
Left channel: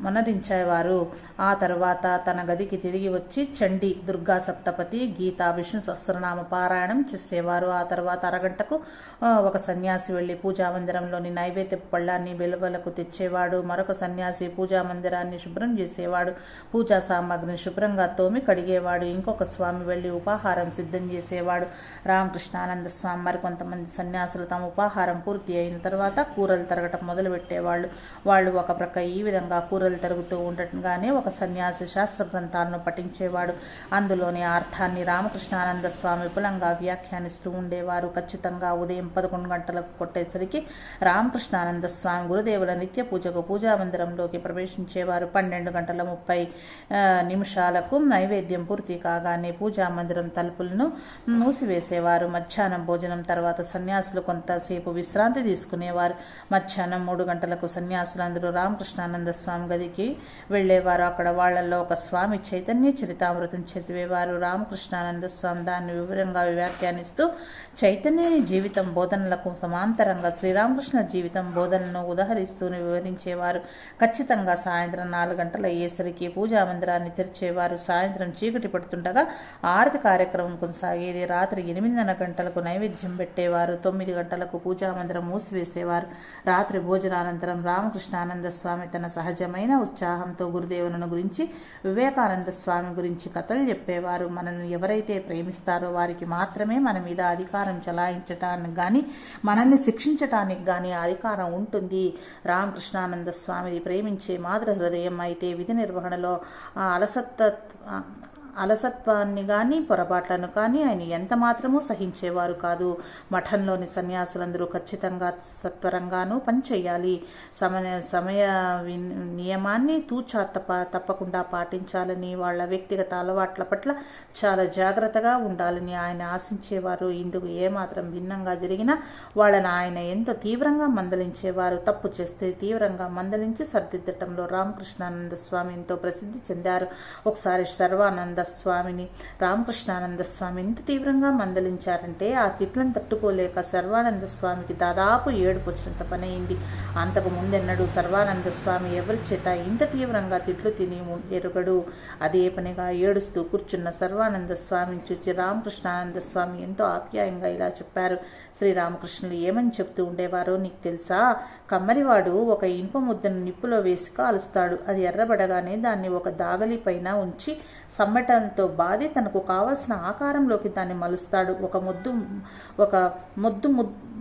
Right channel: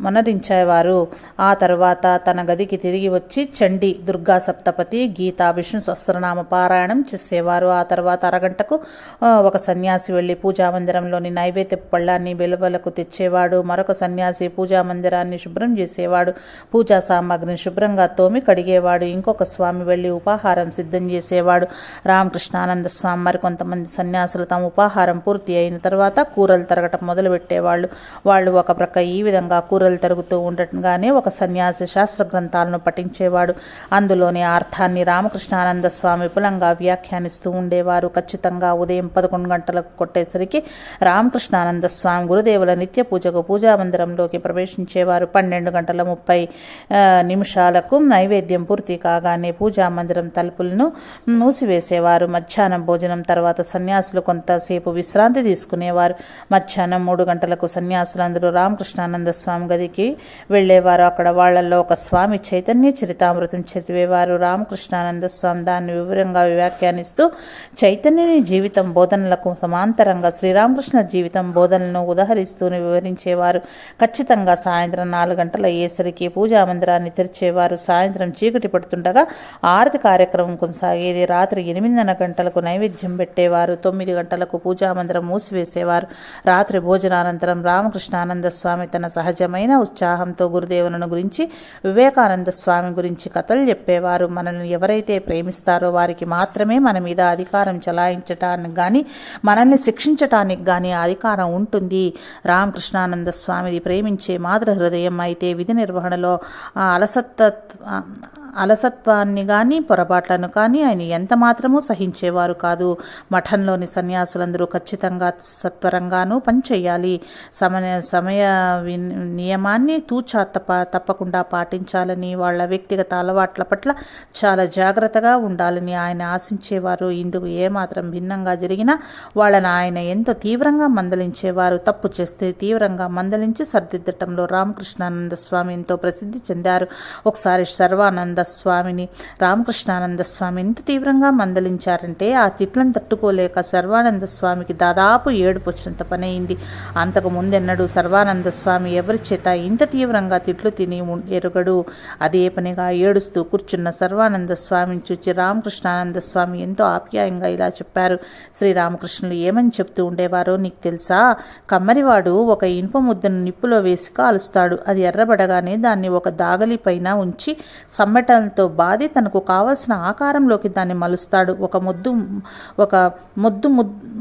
మనరించేవారు. ఆ తర్వాత తన గదికి తిరిగి వచ్చి చండీ, దుర్గా సప్తపతి, గీత, విష్ణు సహస్రనామ పారాయణం చేసేవారు. ఆ తర్వాత అరగంటకు ఒక సన్యాసి వెళ్లి పూజామందిరంలోని నైవేద్య పళ్ళాన్ని వెలువలకు తెచ్చేవాడు. మరొక సన్యాసి పూజామందిరాన్ని శుభ్రం చేసేవాడు. పూజా సామాగ్రిని శుభ్రంగా తోమి కడిగేవాడు. ఇంకొక స్వామి వెళ్లి ఉపాహారం సిద్ధం చేసేవాడు. రామకృష్ణానంద స్వామి మరికొంతమంది సన్యాసులు తమ ఉపాహారం పూర్తి అయిన తర్వాత కూరలు తరగటం మొదలుపెట్టేవాళ్ళు. వాళ్ళు ఒక ప్రక్క ఈ విధంగా కూరలు తరుగుతూ ఉండటంగానే ఒక సన్యాసి శాస్త్ర గ్రంథాలను పఠించేవాడు. అందులోని అర్థాన్ని రామకృష్ణానంద స్వామి విపులంగా వ్యాఖ్యానిస్తూ ఉండేవారు. ఖచ్చితంగా ఉదయం 11 గంటలకు కొట్టేసరికి రామకృష్ణానంద స్వామి గురుదేవుల నిత్య పూజకు పూజామందిరంలోకి ప్రవేశించేవారు. 12 గంటల 30 నిమిషాలకు నైవేద్యం పూర్తి కాగానే పూజామందిరం తలుపులను మూసివేసేవారు. మధ్యాహ్నం భోజనం తర్వాత సన్యాసులు కొంతసేపు విశ్రాంతి తీసుకునేవారు. మధ్యాహ్నం 3 గంటలకు సన్యాసులందరూ రామకృష్ణానంద స్వామి గదికి వెళ్లేవారు. అక్కడ వాళ్లలో ఒక స్వామి చైతన్య చరితామృతం చదివేవారు. రామకృష్ణానంద స్వామి దాన్ని వివరంగా వ్యాఖ్యానిస్తూ చైతన్యుని జీవితం బోధనలకు సమాంతరంగా శ్రీరామకృష్ణ జీవితం బోధనలను ఉదహరిస్తూ వివరించేవారు. ఖచ్చితంగా సాయంత్రం 4 గంటల అయ్యేసరికి పూజామందిరాన్ని తెరిచేవారు. సాయంత్రం చీకటి పడుతుండగా ఆరతి కార్యక్రమం కొనసాగేది. రాత్రి 8:30 గంటలకు నైవేద్యం పెట్టేవారు. 9 గంటలకు పూజామందిరం మూసివేసేవారు. రాత్రి భోజనానంతరం రామకృష్ణానంద స్వామి తన సహజమైన ఉత్సాహంతో గురుదేవులను గురించి, వివేకానంద స్వామి గురించి కథలు చెప్పేవారు. మనల్ని ఎవరైతే ప్రేమిస్తారో వారికి మాత్రమే మన మీద అధికారం చెలాయించటానికి గాని, మనల్ని శిక్షించటానికి గాని అధికారం ఉంటుంది. రామకృష్ణానంద స్వామిది ప్రేమించే మాతృ హృదయం అయితే విధి నిర్వహణలో అలసత్వాన్ని కానీ పొరపాట్లను కానీ ఆయన ఎంత మాత్రమూ సహించేవారు కాదు. మఠంలోని సన్యాసులందరూ ఖచ్చితంగా సత్వరంగానూ పనిచేయాలి. సమయ నియమాన్ని తూచా తప్పకుండా పాటించాలని, వాళ్ళ వ్యక్తిగత అలవాట్ల పట్ల చాలా జాగ్రత్తగా ఉండాలని ఆయన ఆశించేవారు. ఇందుకు ఏమాత్రం భిన్నంగా జరిగినా వాళ్ళని ఆయన ఎంతో తీవ్రంగా మందలించేవారు. తప్పు చేస్తే తీవ్రంగా మందలించి సరిదిద్దటంలో రామకృష్ణానంద స్వామి ఎంతో ప్రసిద్ధి చెందారు. ఒకసారి సర్వానంద స్వామిని రామకృష్ణానంద స్వామి ఎంత తీవ్రంగా మందలించారంటే ఆ తిట్లను తట్టుకోలేక సర్వానంద స్వామికి దాదాపు ఏడుపు వచ్చినంత పని అయింది. అంతకు ముందెన్నడూ సర్వానంద స్వామి ఎవరి చేత ఇంత తీవ్రంగా తిట్లు తిని ఎరుగడు. అదే పనిగా ఏడుస్తూ కూర్చున్న సర్వానంద స్వామిని చూచి రామకృష్ణానంద స్వామి ఎంతో ఆప్యాయంగా ఇలా చెప్పారు. శ్రీరామకృష్ణులు ఏమని చెప్తూ ఉండేవారో నీకు తెలుసా? కమ్మరివాడు ఒక ఇనుప ముద్దను నిప్పులో వేసి కాలుస్తాడు. అది ఎర్రబడగానే దాన్ని ఒక దాగలి పైన ఉంచి సమ్మెటంతో బాది తనకు కావలసిన ఆకారంలోకి దాన్ని మలుస్తాడు. ఒక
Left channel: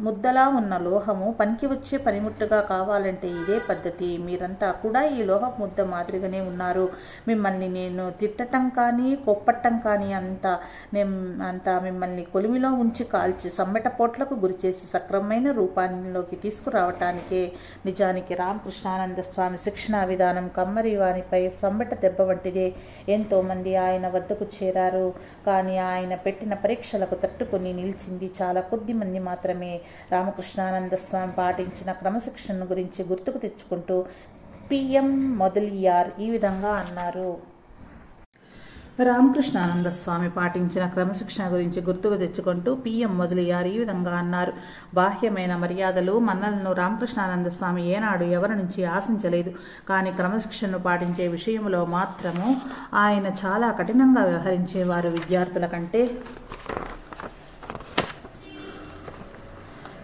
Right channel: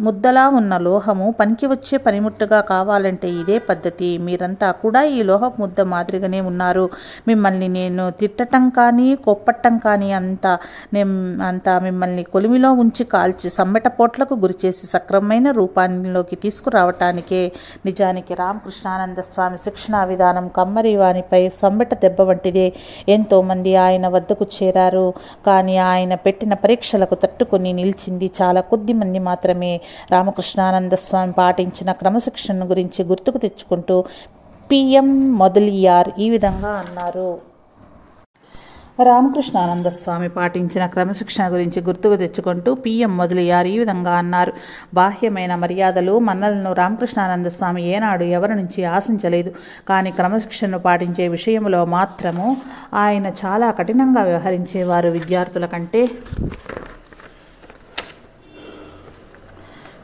ముద్దలా ఉన్న లోహము పనికి వచ్చే పనిముట్టుగా కావాలంటే ఇదే పద్ధతి. మీరంతా కూడా ఈ లోహ ముద్ద మాదిరిగానే ఉన్నారు. మిమ్మల్ని నేను తిట్టటం కానీ కొప్పట్టం కానీ అంతా మిమ్మల్ని కొలిమిలో ఉంచి కాల్చి సమ్మెట పోట్లకు గురిచేసి సక్రమమైన రూపాల్లోకి తీసుకురావటానికే. నిజానికి రామకృష్ణానంద స్వామి శిక్షణా విధానం కమ్మరి వానిపై సమ్మెట దెబ్బ వంటిదే. ఎంతోమంది ఆయన వద్దకు చేరారు. కానీ ఆయన పెట్టిన పరీక్షలకు తట్టుకొని నిలిచింది చాలా కొద్ది మంది మాత్రమే. రామకృష్ణానంద స్వామి పాటించిన క్రమశిక్షణ గురించి గుర్తుకు తెచ్చుకుంటూ పిఎం మొదలియార్ ఈ విధంగా అన్నారు. రామకృష్ణానంద స్వామి పాటించిన క్రమశిక్షణ గురించి గుర్తుకు తెచ్చుకుంటూ పిఎం మొదలియార్ ఈ విధంగా అన్నారు. బాహ్యమైన మర్యాదలు మన్నలను రామకృష్ణానంద స్వామి ఏనాడు ఎవరి నుంచి ఆశించలేదు. కానీ క్రమశిక్షణను పాటించే విషయంలో మాత్రము ఆయన చాలా కఠినంగా వ్యవహరించేవారు.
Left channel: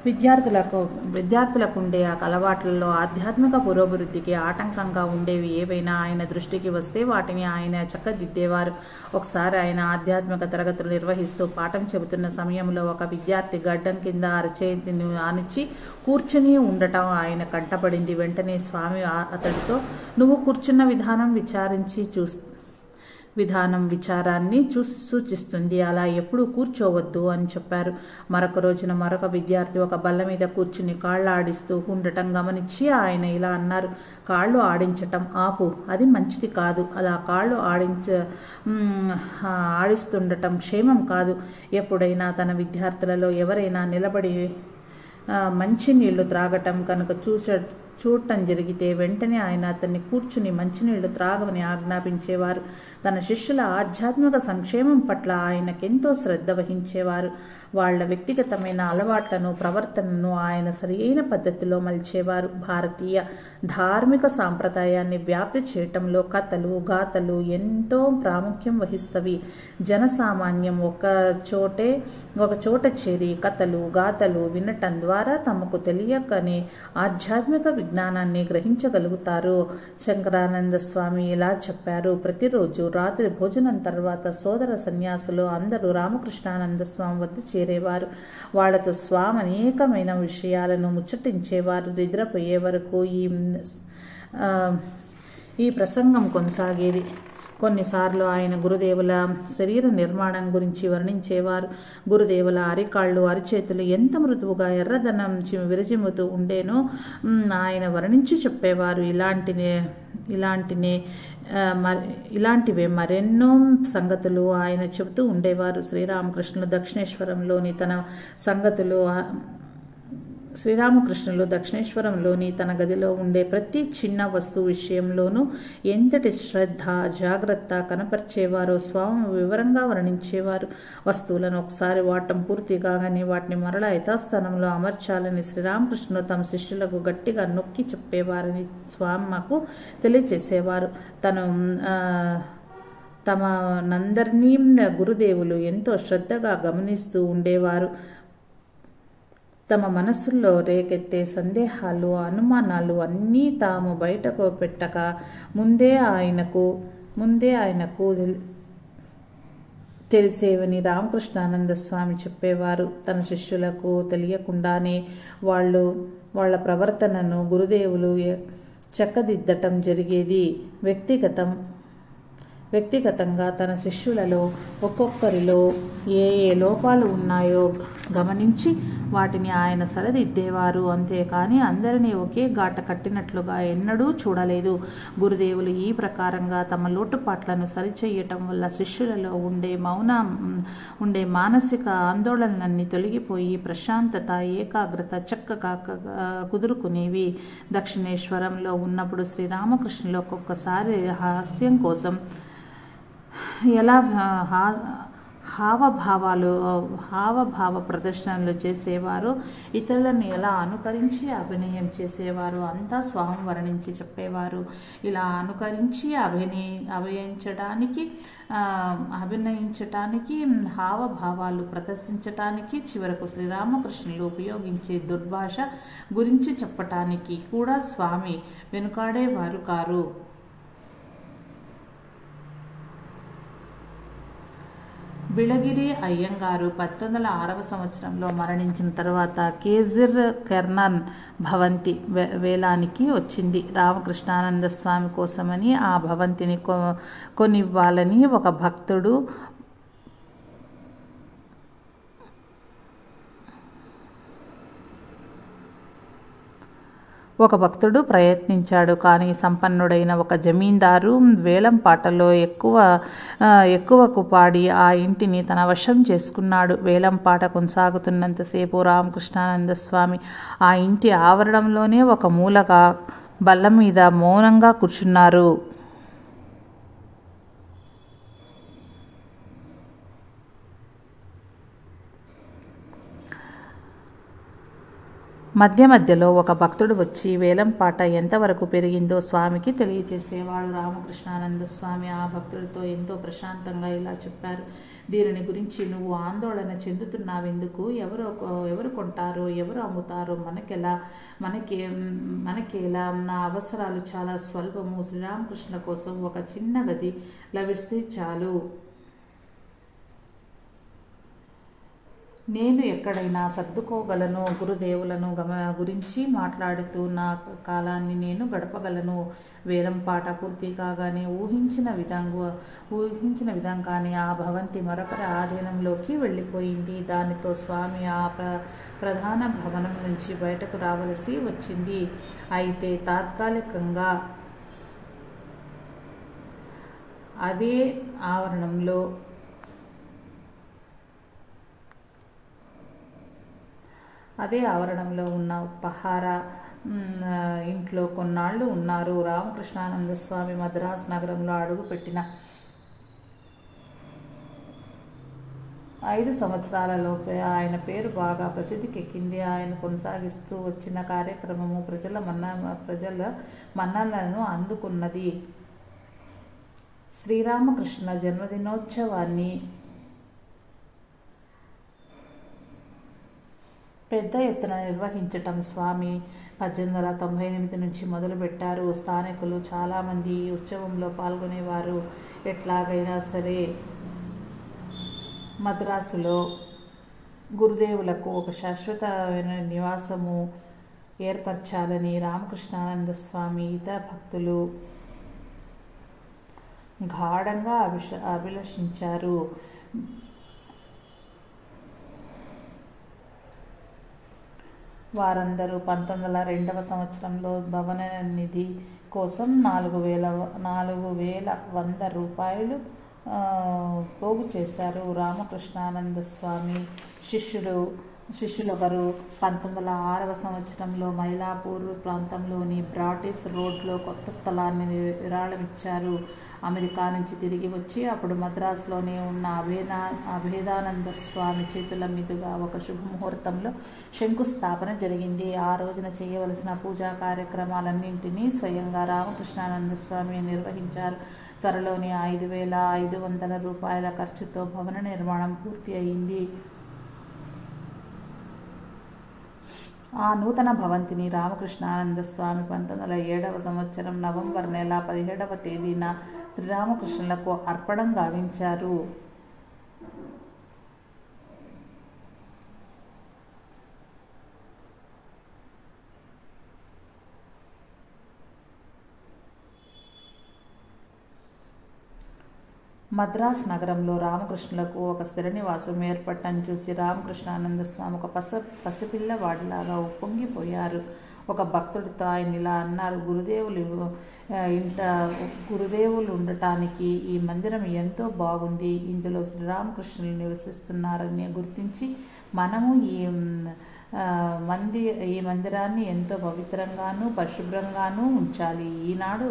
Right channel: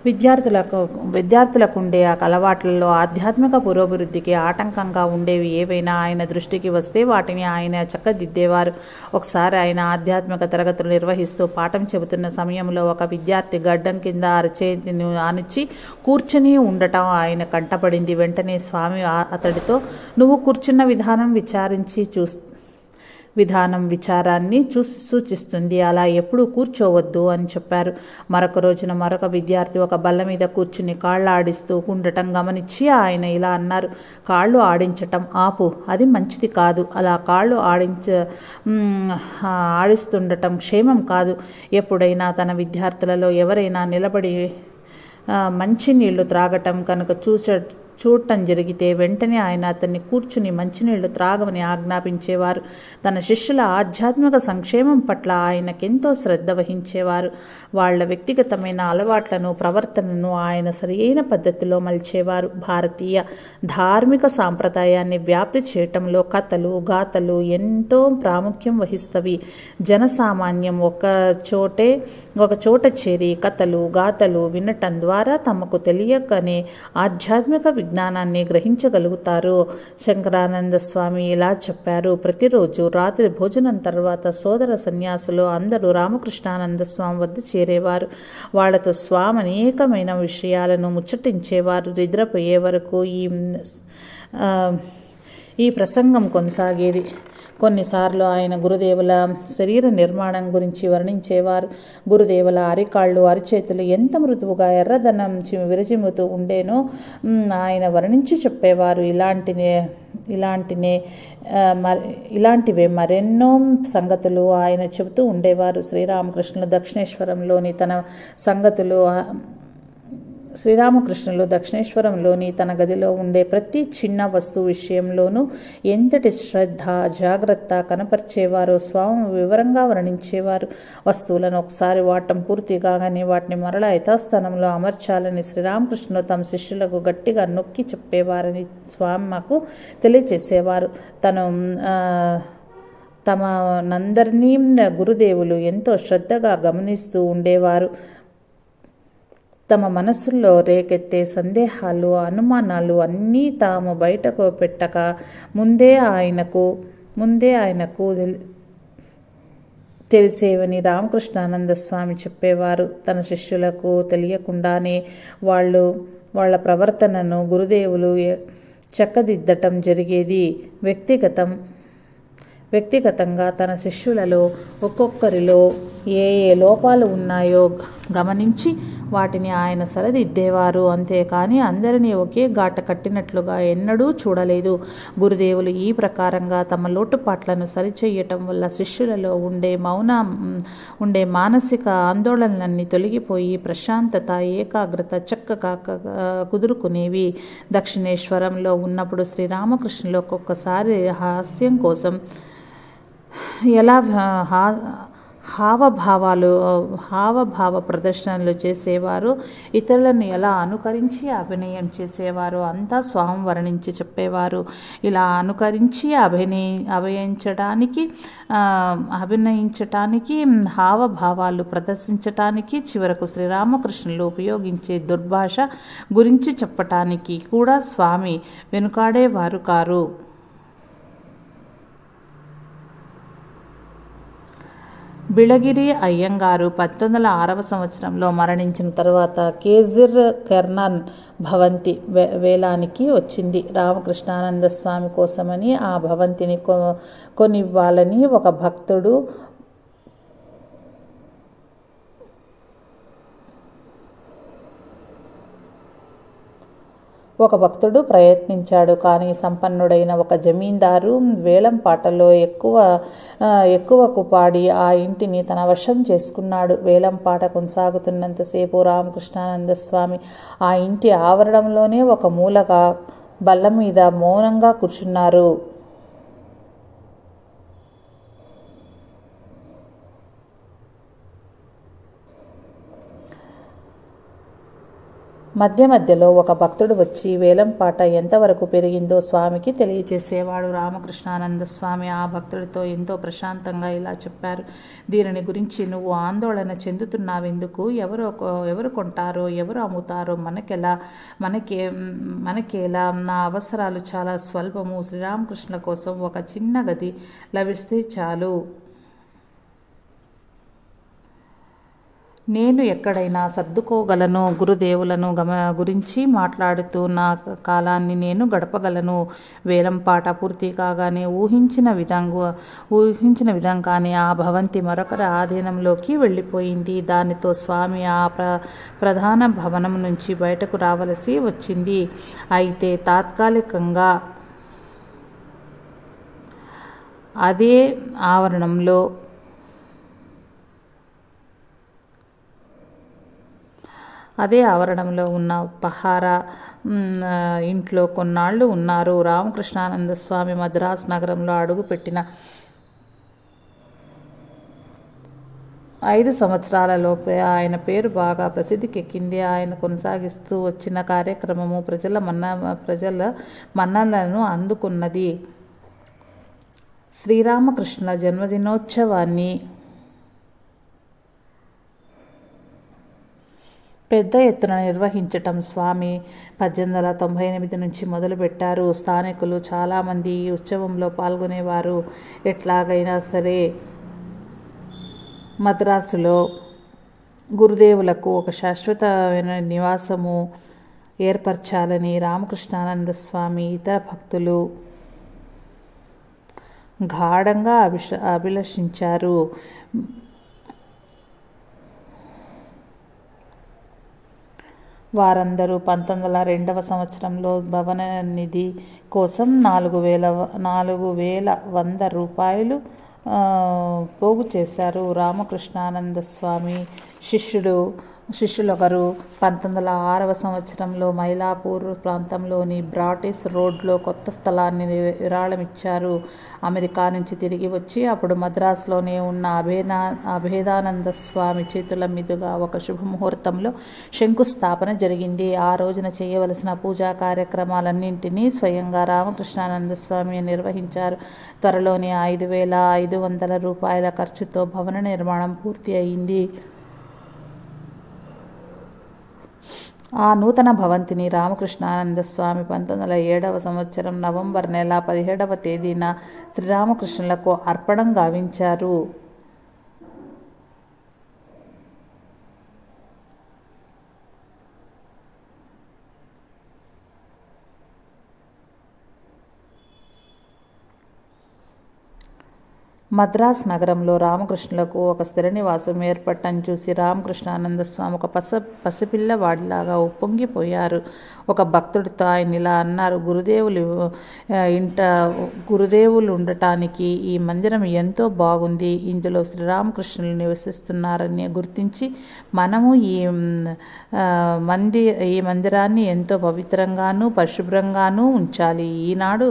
విద్యార్థులకు ఉండే ఆ అలవాట్లలో ఆధ్యాత్మిక పురోభివృద్ధికి ఆటంకంగా ఉండేవి ఏవైనా ఆయన దృష్టికి వస్తే వాటిని ఆయన చక్కదిద్దేవారు. ఒకసారి ఆయన ఆధ్యాత్మిక తరగతులు నిర్వహిస్తూ పాఠం చెబుతున్న సమయంలో ఒక విద్యార్థి గడ్డం కింద అరచేతిని ఆనిచ్చి కూర్చుని ఉండటం ఆయన కంటపడింది. వెంటనే స్వామి అతడితో నువ్వు కూర్చున్న విధానాన్ని సూచిస్తుంది, అలా ఎప్పుడూ కూర్చోవద్దు అని చెప్పారు. మరొక రోజున మరొక విద్యార్థి ఒక బల్ల మీద కూర్చుని కాళ్ళు ఆడిస్తూ ఉండటం గమనించి ఆయన ఇలా అన్నారు, కాళ్ళు ఆడించటం ఆపు, అది మంచిది కాదు. అలా కాళ్ళు ఆడిస్తుండటం క్షేమం కాదు. ఎప్పుడైనా తన విద్యార్థులలో ఎవరైనా నిలబడి మంచినీళ్లు త్రాగటం కనుక చూడటం జరిగితే వెంటనే ఆయన అతన్ని కూర్చుని మంచినీళ్లు త్రాగమని ఆజ్ఞాపించేవారు. తన శిష్యుల ఆధ్యాత్మిక సంక్షేమం పట్ల ఆయనకెంతో శ్రద్ధ వహించేవారు. వాళ్ల వ్యక్తిగతమైన అలవాట్లను, ప్రవర్తనను ఆయన సరియైన పద్ధతిలో మలిచేవారు. భారతీయ ధార్మిక సాంప్రదాయాన్ని వ్యాప్తి చేయటంలో కథలు, గాథలు ఎంతో ప్రాముఖ్యం వహిస్తవి. జనసామాన్యం ఒక చోట చేరి కథలు, గాథలు వినటం ద్వారా తమకు తెలియకనే ఆధ్యాత్మిక విజ్ఞానాన్ని గ్రహించగలుగుతారు. శంకరానంద స్వామి ఇలా చెప్పారు. ప్రతిరోజు రాత్రి భోజనం తర్వాత సోదర సన్యాసులు అందరూ రామకృష్ణానంద స్వామి వద్ద చేరేవారు. వాళ్లతో స్వామి అనేకమైన విషయాలను ముచ్చటించేవారు. నిద్రపోయే వరకు ఈ ప్రసంగం కొనసాగేది. కొన్నిసార్లు ఆయన గురుదేవుల శరీర నిర్మాణం గురించి వర్ణించేవారు. గురుదేవుల అరికాళ్ళు, అరిచేతులు ఎంత మృదువుగా ఎర్రదనం విరజిమ్ముతూ ఉండేనో ఆయన వర్ణించి చెప్పేవారు. ఇలాంటివే మరెన్నో సంగతులు ఆయన చెబుతూ ఉండేవారు. శ్రీరామకృష్ణులు దక్షిణేశ్వరంలోని తన గదిలో ఉండే ప్రతి చిన్న వస్తువు విషయంలోనూ ఎంతటి శ్రద్ధ, జాగ్రత్త కనపరిచేవారో స్వామి వివరంగా వర్ణించేవారు. వస్తువులను ఒకసారి వాడటం పూర్తి కాగానే వాటిని మరలా యథాస్థానంలో అమర్చాలని శ్రీరామకృష్ణులు తమ శిష్యులకు గట్టిగా నొక్కి చెప్పేవారని స్వామి మాకు తెలియచేసేవారు. తమనందరినీ గురుదేవులు ఎంతో శ్రద్ధగా గమనిస్తూ ఉండేవారు. తమ మనసుల్లో రేకెత్తే సందేహాలు, అనుమానాలు అన్నీ తాము బయటకు పెట్టక ముందే ఆయనకు తెలిసేవని రామకృష్ణానంద స్వామి చెప్పేవారు. తన శిష్యులకు తెలియకుండానే వాళ్ళ ప్రవర్తనను గురుదేవులు చక్కదిద్దటం జరిగేది. వ్యక్తిగతంగా తన శిష్యులలో ఒక్కొక్కరిలో ఏ లోపాలు ఉన్నాయో గమనించి వాటిని ఆయన సరిదిద్దేవారు. అంతేకాని అందరినీ ఒకే గాట కట్టినట్లుగా ఎన్నడూ చూడలేదు. గురుదేవులు ఈ ప్రకారంగా తమ లోటుపాట్లను సరిచేయటం వల్ల శిష్యులలో ఉండే మానసిక ఆందోళనలన్నీ తొలగిపోయి ప్రశాంతత, ఏకాగ్రత చక్కగా కుదురుకునేవి. దక్షిణేశ్వరంలో ఉన్నప్పుడు శ్రీరామకృష్ణులు ఒక్కొక్కసారి హాస్యం కోసం ఎలా హావభావ ప్రదర్శనలు చేసేవారు, ఇతరులను ఎలా అనుకరించి అభినయం చేసేవారు అంతా స్వామి వర్ణించి చెప్పేవారు. ఇలా అనుకరించి అభినయించటానికి, హావభావాలు ప్రదర్శించటానికి, చివరకు శ్రీరామకృష్ణులు ఉపయోగించే దుర్భాష గురించి చెప్పటానికి కూడా స్వామి వెనుకాడేవారు కారు. బిళగిరి అయ్యంగారు 1906 సంవత్సరంలో మరణించిన తర్వాత కేజిర్ కెర్నన్ భవంతి వేలానికి వచ్చింది. రామకృష్ణానంద స్వామి కోసమని ఆ భవంతిని కొనివ్వాలని ఒక భక్తుడు ప్రయత్నించాడు. కానీ సంపన్నుడైన ఒక జమీందారు వేలంపాటలో ఎక్కువకు పాడి ఆ ఇంటిని తన వశం చేసుకున్నాడు. వేలంపాట కొనసాగుతున్నంతసేపు రామకృష్ణానంద స్వామి ఆ ఇంటి ఆవరణంలోనే ఒక మూలగా బల్ల మీద మౌనంగా కూర్చున్నారు. మధ్యలో ఒక భక్తుడు వచ్చి వేలంపాట ఎంతవరకు పెరిగిందో స్వామికి తెలియచేసేవాడు. రామకృష్ణానంద స్వామి ఆ భక్తుడితో ఎంతో ప్రశాంతంగా ఇలా చెప్పారు. దీనిని గురించి నువ్వు ఆందోళన చెందుతున్నావెందుకు? ఎవరు కొంటారో, ఎవరు అమ్ముతారో మనకేలా? నా అవసరాలు చాలా స్వల్పము. శ్రీరామకృష్ణ కోసం ఒక చిన్న గది లభిస్తే చాలు. నేను ఎక్కడైనా సర్దుకోగలను. గురుదేవులను గురించి మాట్లాడుతూ నా కాలాన్ని నేను గడపగలను. వేలంపాట పూర్తి కాగానే ఊహించిన విధంగానే ఆ భవంతి మరొకరి ఆధీనంలోకి వెళ్ళిపోయింది. దానితో స్వామి ఆ ప్రధాన భవనం నుంచి బయటకు రావలసి వచ్చింది. అయితే తాత్కాలికంగా అదే అదే ఆవరణంలో ఉన్న పహారా ఇంట్లో కొన్నాళ్ళు ఉన్నారు. రామకృష్ణానంద స్వామి మద్రాసు నగరంలో అడుగుపెట్టిన 5 సంవత్సరాలలోపే ఆయన పేరు బాగా ప్రసిద్ధికెక్కింది. ఆయన కొనసాగిస్తూ వచ్చిన కార్యక్రమము ప్రజల మన్ననలను అందుకున్నది. శ్రీరామకృష్ణుల జన్మదినోత్సవాన్ని పెద్ద ఎత్తున నిర్వహించటం స్వామి 1898 నుంచి మొదలుపెట్టారు. స్థానికులు చాలామంది ఈ ఉత్సవంలో పాల్గొనేవారు. ఎట్లాగైనా సరే మద్రాసులో గురుదేవులకు ఒక శాశ్వతమైన నివాసము ఏర్పరచాలని రామకృష్ణానంద స్వామి ఇతర భక్తులు గాఢంగా అభిలషించారు. వారందరూ 1902వ సంవత్సరంలో భవన నిధి కోసం 4,100 రూపాయలు పోగు చేశారు. రామకృష్ణానంద స్వామి శిష్యులొకరు 1906వ సంవత్సరంలో మైలాపూర్ ప్రాంతంలోని బ్రాటిస్ రోడ్లో కొత్త స్థలాన్ని విరాళమిచ్చారు. అమెరికా నుంచి తిరిగి వచ్చి అప్పుడు మద్రాసులోనే ఉన్న అభేదానంద స్వామి చేతుల మీదుగా ఒక శుభముహూర్తంలో శంకుస్థాపన జరిగింది. ఆ రోజున చేయవలసిన పూజా కార్యక్రమాలన్నింటినీ స్వయంగా రామకృష్ణానంద స్వామి నిర్వహించారు. త్వరలోనే 5,500 రూపాయల ఖర్చుతో భవన నిర్మాణం పూర్తి అయింది. ఆ నూతన భవంతిని రామకృష్ణానంద స్వామి 1907వ సంవత్సరం నవంబర్ నెల 17వ తేదీన శ్రీరామకృష్ణులకు అర్పణం గావించారు. మద్రాస్ నగరంలో రామకృష్ణులకు ఒక స్థిర నివాసం ఏర్పడటం చూసి రామకృష్ణానంద స్వామి ఒక పసిపిల్లవాడిలాగా ఉప్పొంగిపోయారు. ఒక భక్తుడితో ఆయన ఇలా అన్నారు: గురుదేవులు ఉండటానికి ఈ మందిరం ఎంతో బాగుంది. ఇందులో శ్రీరామకృష్ణులు నివసిస్తున్నారని గుర్తించి మనము ఈ మందిరాన్ని ఎంతో పవిత్రంగానూ పరిశుభ్రంగానూ ఉంచాలి. ఈనాడు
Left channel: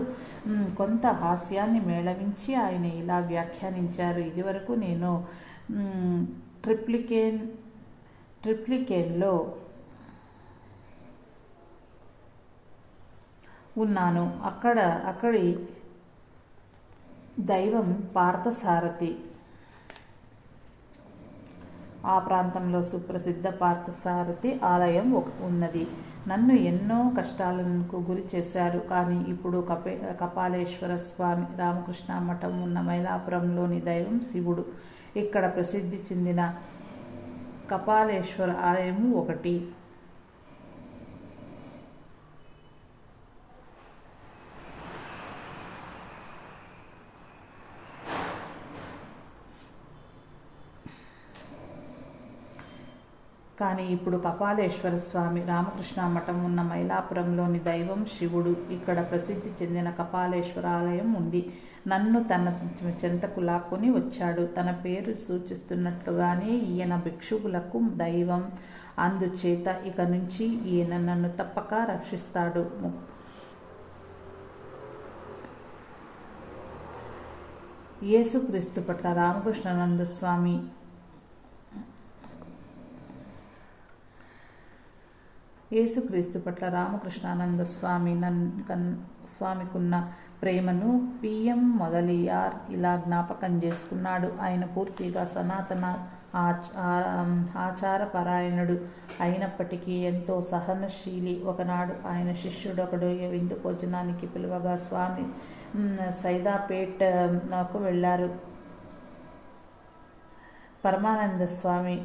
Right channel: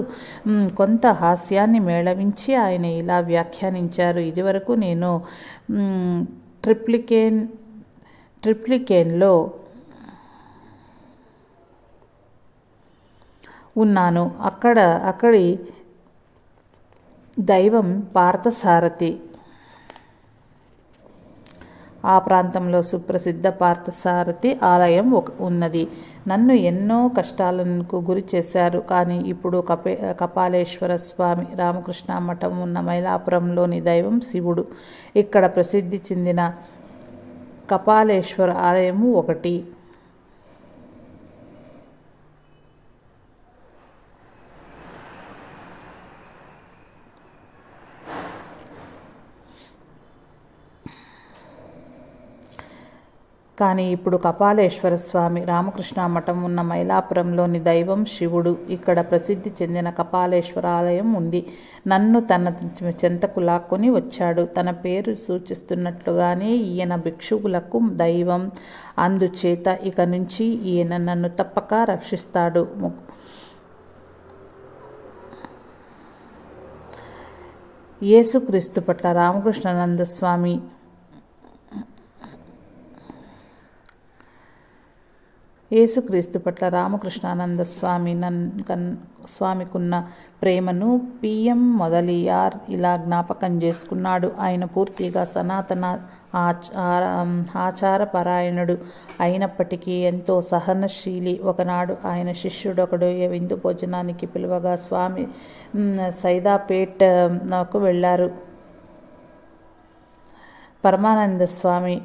కొంత హాస్యాన్ని మేళవించి ఆయన ఇలా వ్యాఖ్యానించారు: ఇదివరకు నేను ట్రిప్లికేన్లో ఉన్నాను. అక్కడి దైవం పార్థసారథి. ఆ ప్రాంతంలో సుప్రసిద్ధ పార్థసారథి ఆలయం ఉన్నది. నన్ను ఎన్నో కష్టాలకు గురి చేశారు. కానీ ఇప్పుడు కపాలేశ్వర స్వామి రామకృష్ణ మఠం ఉన్న మైలాపురంలోని దైవం శివుడు. ఇక్కడ ప్రసిద్ధి చెందిన కపాలేశ్వర ఆలయము ఒకటి. కానీ ఇప్పుడు కపాలేశ్వర స్వామి రామకృష్ణ మఠం ఉన్న మైలాపురంలోని దైవం శివుడు. ఇక్కడ ప్రసిద్ధి చెందిన కపాలేశ్వర ఆలయం ఉంది. నన్ను తన చెంతకు లాక్కొని వచ్చాడు. తన పేరు సూచిస్తున్నట్లుగానే ఈయన భిక్షువులకు దైవం. అందుచేత ఇక నుంచి ఈయన నన్ను తప్పక రక్షిస్తాడు. యేసుక్రీస్తు పట్ల రామకృష్ణానంద స్వామి యేసుక్రీస్తు పట్ల రామకృష్ణానంద స్వామికున్న ప్రేమను పిఎం మొదలియార్ ఇలా జ్ఞాపకం చేసుకున్నాడు. ఆయన పూర్తిగా సనాతన ఆచారపరాయణుడు అయినప్పటికీ ఎంతో సహనశీలి. ఒకనాడు ఆయన శిష్యుడొకడు విందు భోజనానికి పిలువగా స్వామి సైదాపేటకు వెళ్ళారు. పరమానంద స్వామి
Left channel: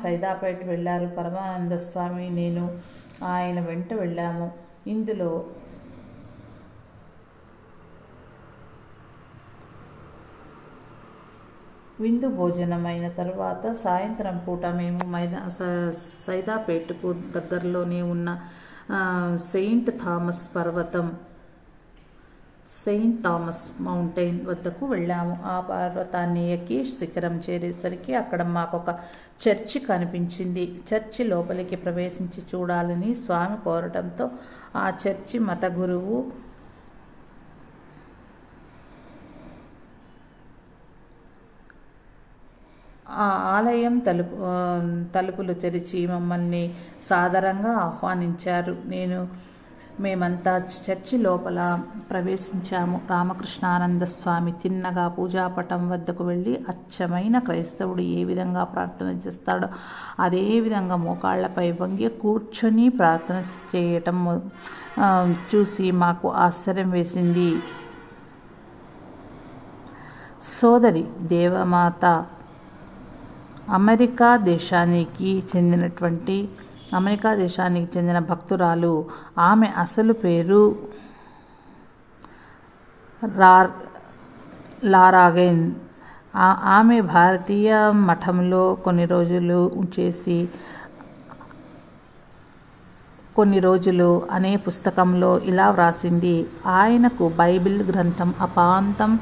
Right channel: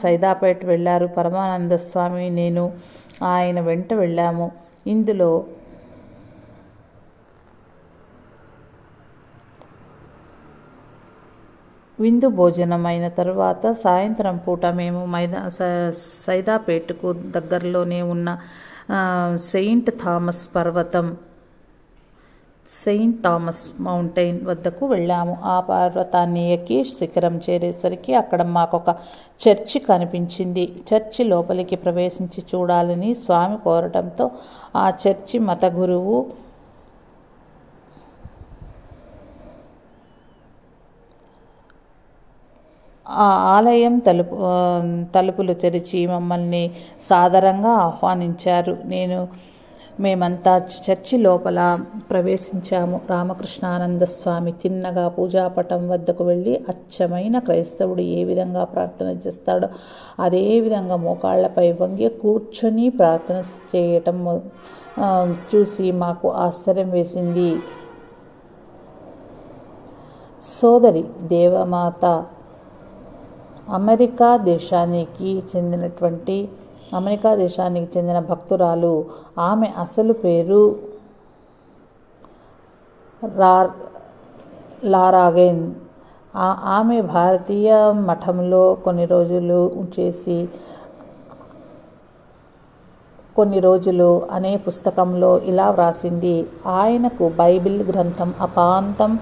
సైదాపేట వెళ్ళారు. పరమానంద స్వామి నేను ఆయన వెంట వెళ్ళాము. ఇందులో విందు భోజనం అయిన తరువాత సాయంత్రం పూట మేము సైదాపేటకు దగ్గరలోనే ఉన్న సెయింట్ థామస్ పర్వతం సెయింట్ థామస్ మౌంటైన్ వద్దకు వెళ్ళాము. ఆ పర్వతాన్ని ఎక్కి శిఖరం చేరేసరికి అక్కడ మాకొక చర్చి కనిపించింది. చర్చి లోపలికి ప్రవేశించి చూడాలని స్వామి కోరటంతో ఆ చర్చి మత గురువు ఆ ఆలయం తలుపులు తెరిచి మమ్మల్ని సాదరంగా ఆహ్వానించారు. మేమంతా చర్చి లోపల ప్రవేశించాము. రామకృష్ణానంద స్వామి తిన్నగా పూజాపటం వద్దకు వెళ్ళి అచ్చమైన క్రైస్తవుడు ఏ విధంగా ప్రార్థన చేస్తాడో అదే విధంగా మోకాళ్లపై వంగి కూర్చొని ప్రార్థన చేయటం చూసి మాకు ఆశ్చర్యం వేసింది. సోదరి దేవమాత అమెరికా దేశానికి చెందిన భక్తురాలు. ఆమె అసలు పేరు లారాగెన్. ఆమె భారతీయ మఠంలో కొన్ని రోజులు అనే పుస్తకంలో ఇలా వ్రాసింది: ఆయనకు బైబిల్ గ్రంథం అపాంతం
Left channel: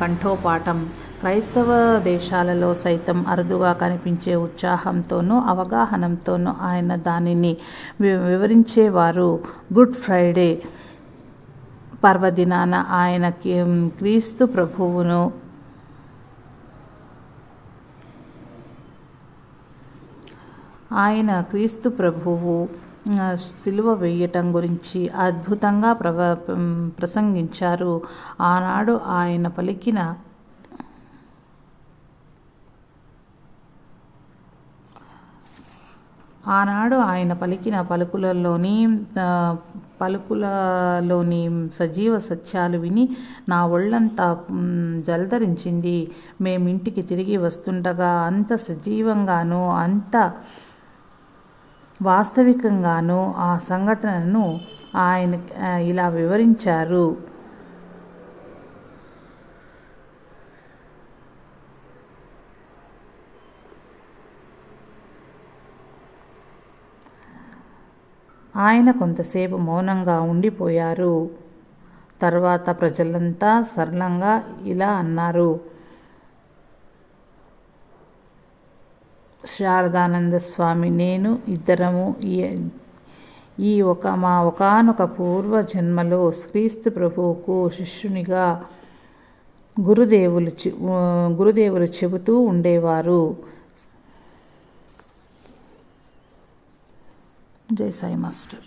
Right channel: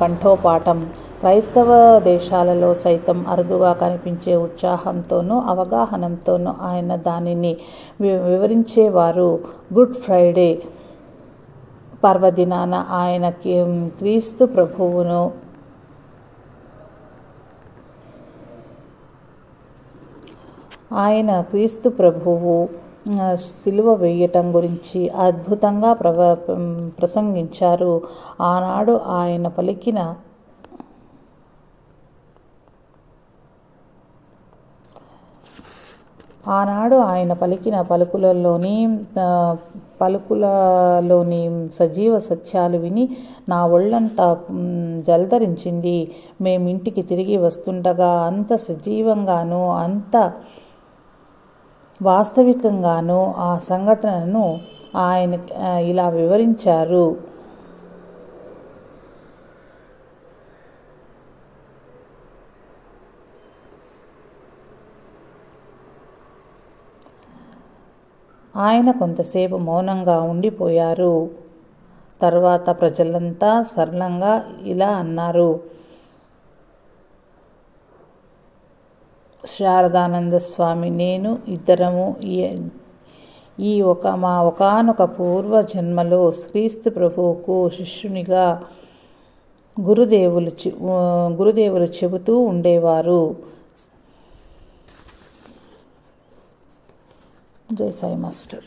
కంఠోపాఠం. క్రైస్తవ దేశాలలో సైతం అరుదుగా కనిపించే ఉత్సాహంతోనూ అవగాహనతోనూ ఆయన దానిని వివరించేవారు. గుడ్ ఫ్రైడే పర్వదినాన ఆయన క్రీస్తు ప్రభువు సిలువ వేయటం గురించి అద్భుతంగా ప్రసంగించారు. ఆనాడు ఆయన పలికిన పలుకులలోని సజీవ సత్యాలు విని నా ఒళ్ళంతా జలధరించింది. మేమింటికి తిరిగి వస్తుండగా అంత సజీవంగానూ అంత వాస్తవికంగానూ ఆ సంఘటనను ఆయన ఇలా వివరించారు: ఆయన కొంతసేపు మౌనంగా ఉండిపోయారు. తర్వాత ప్రజలంతా సరళంగా ఇలా అన్నారు: శారదానంద స్వామి, నేను ఇద్దరము మా ఒకానొక పూర్వ జన్మలో క్రీస్తు ప్రభువుకు శిష్యునిగా గురుదేవులు చెబుతూ ఉండేవారు. జై సాయి మాస్టర్.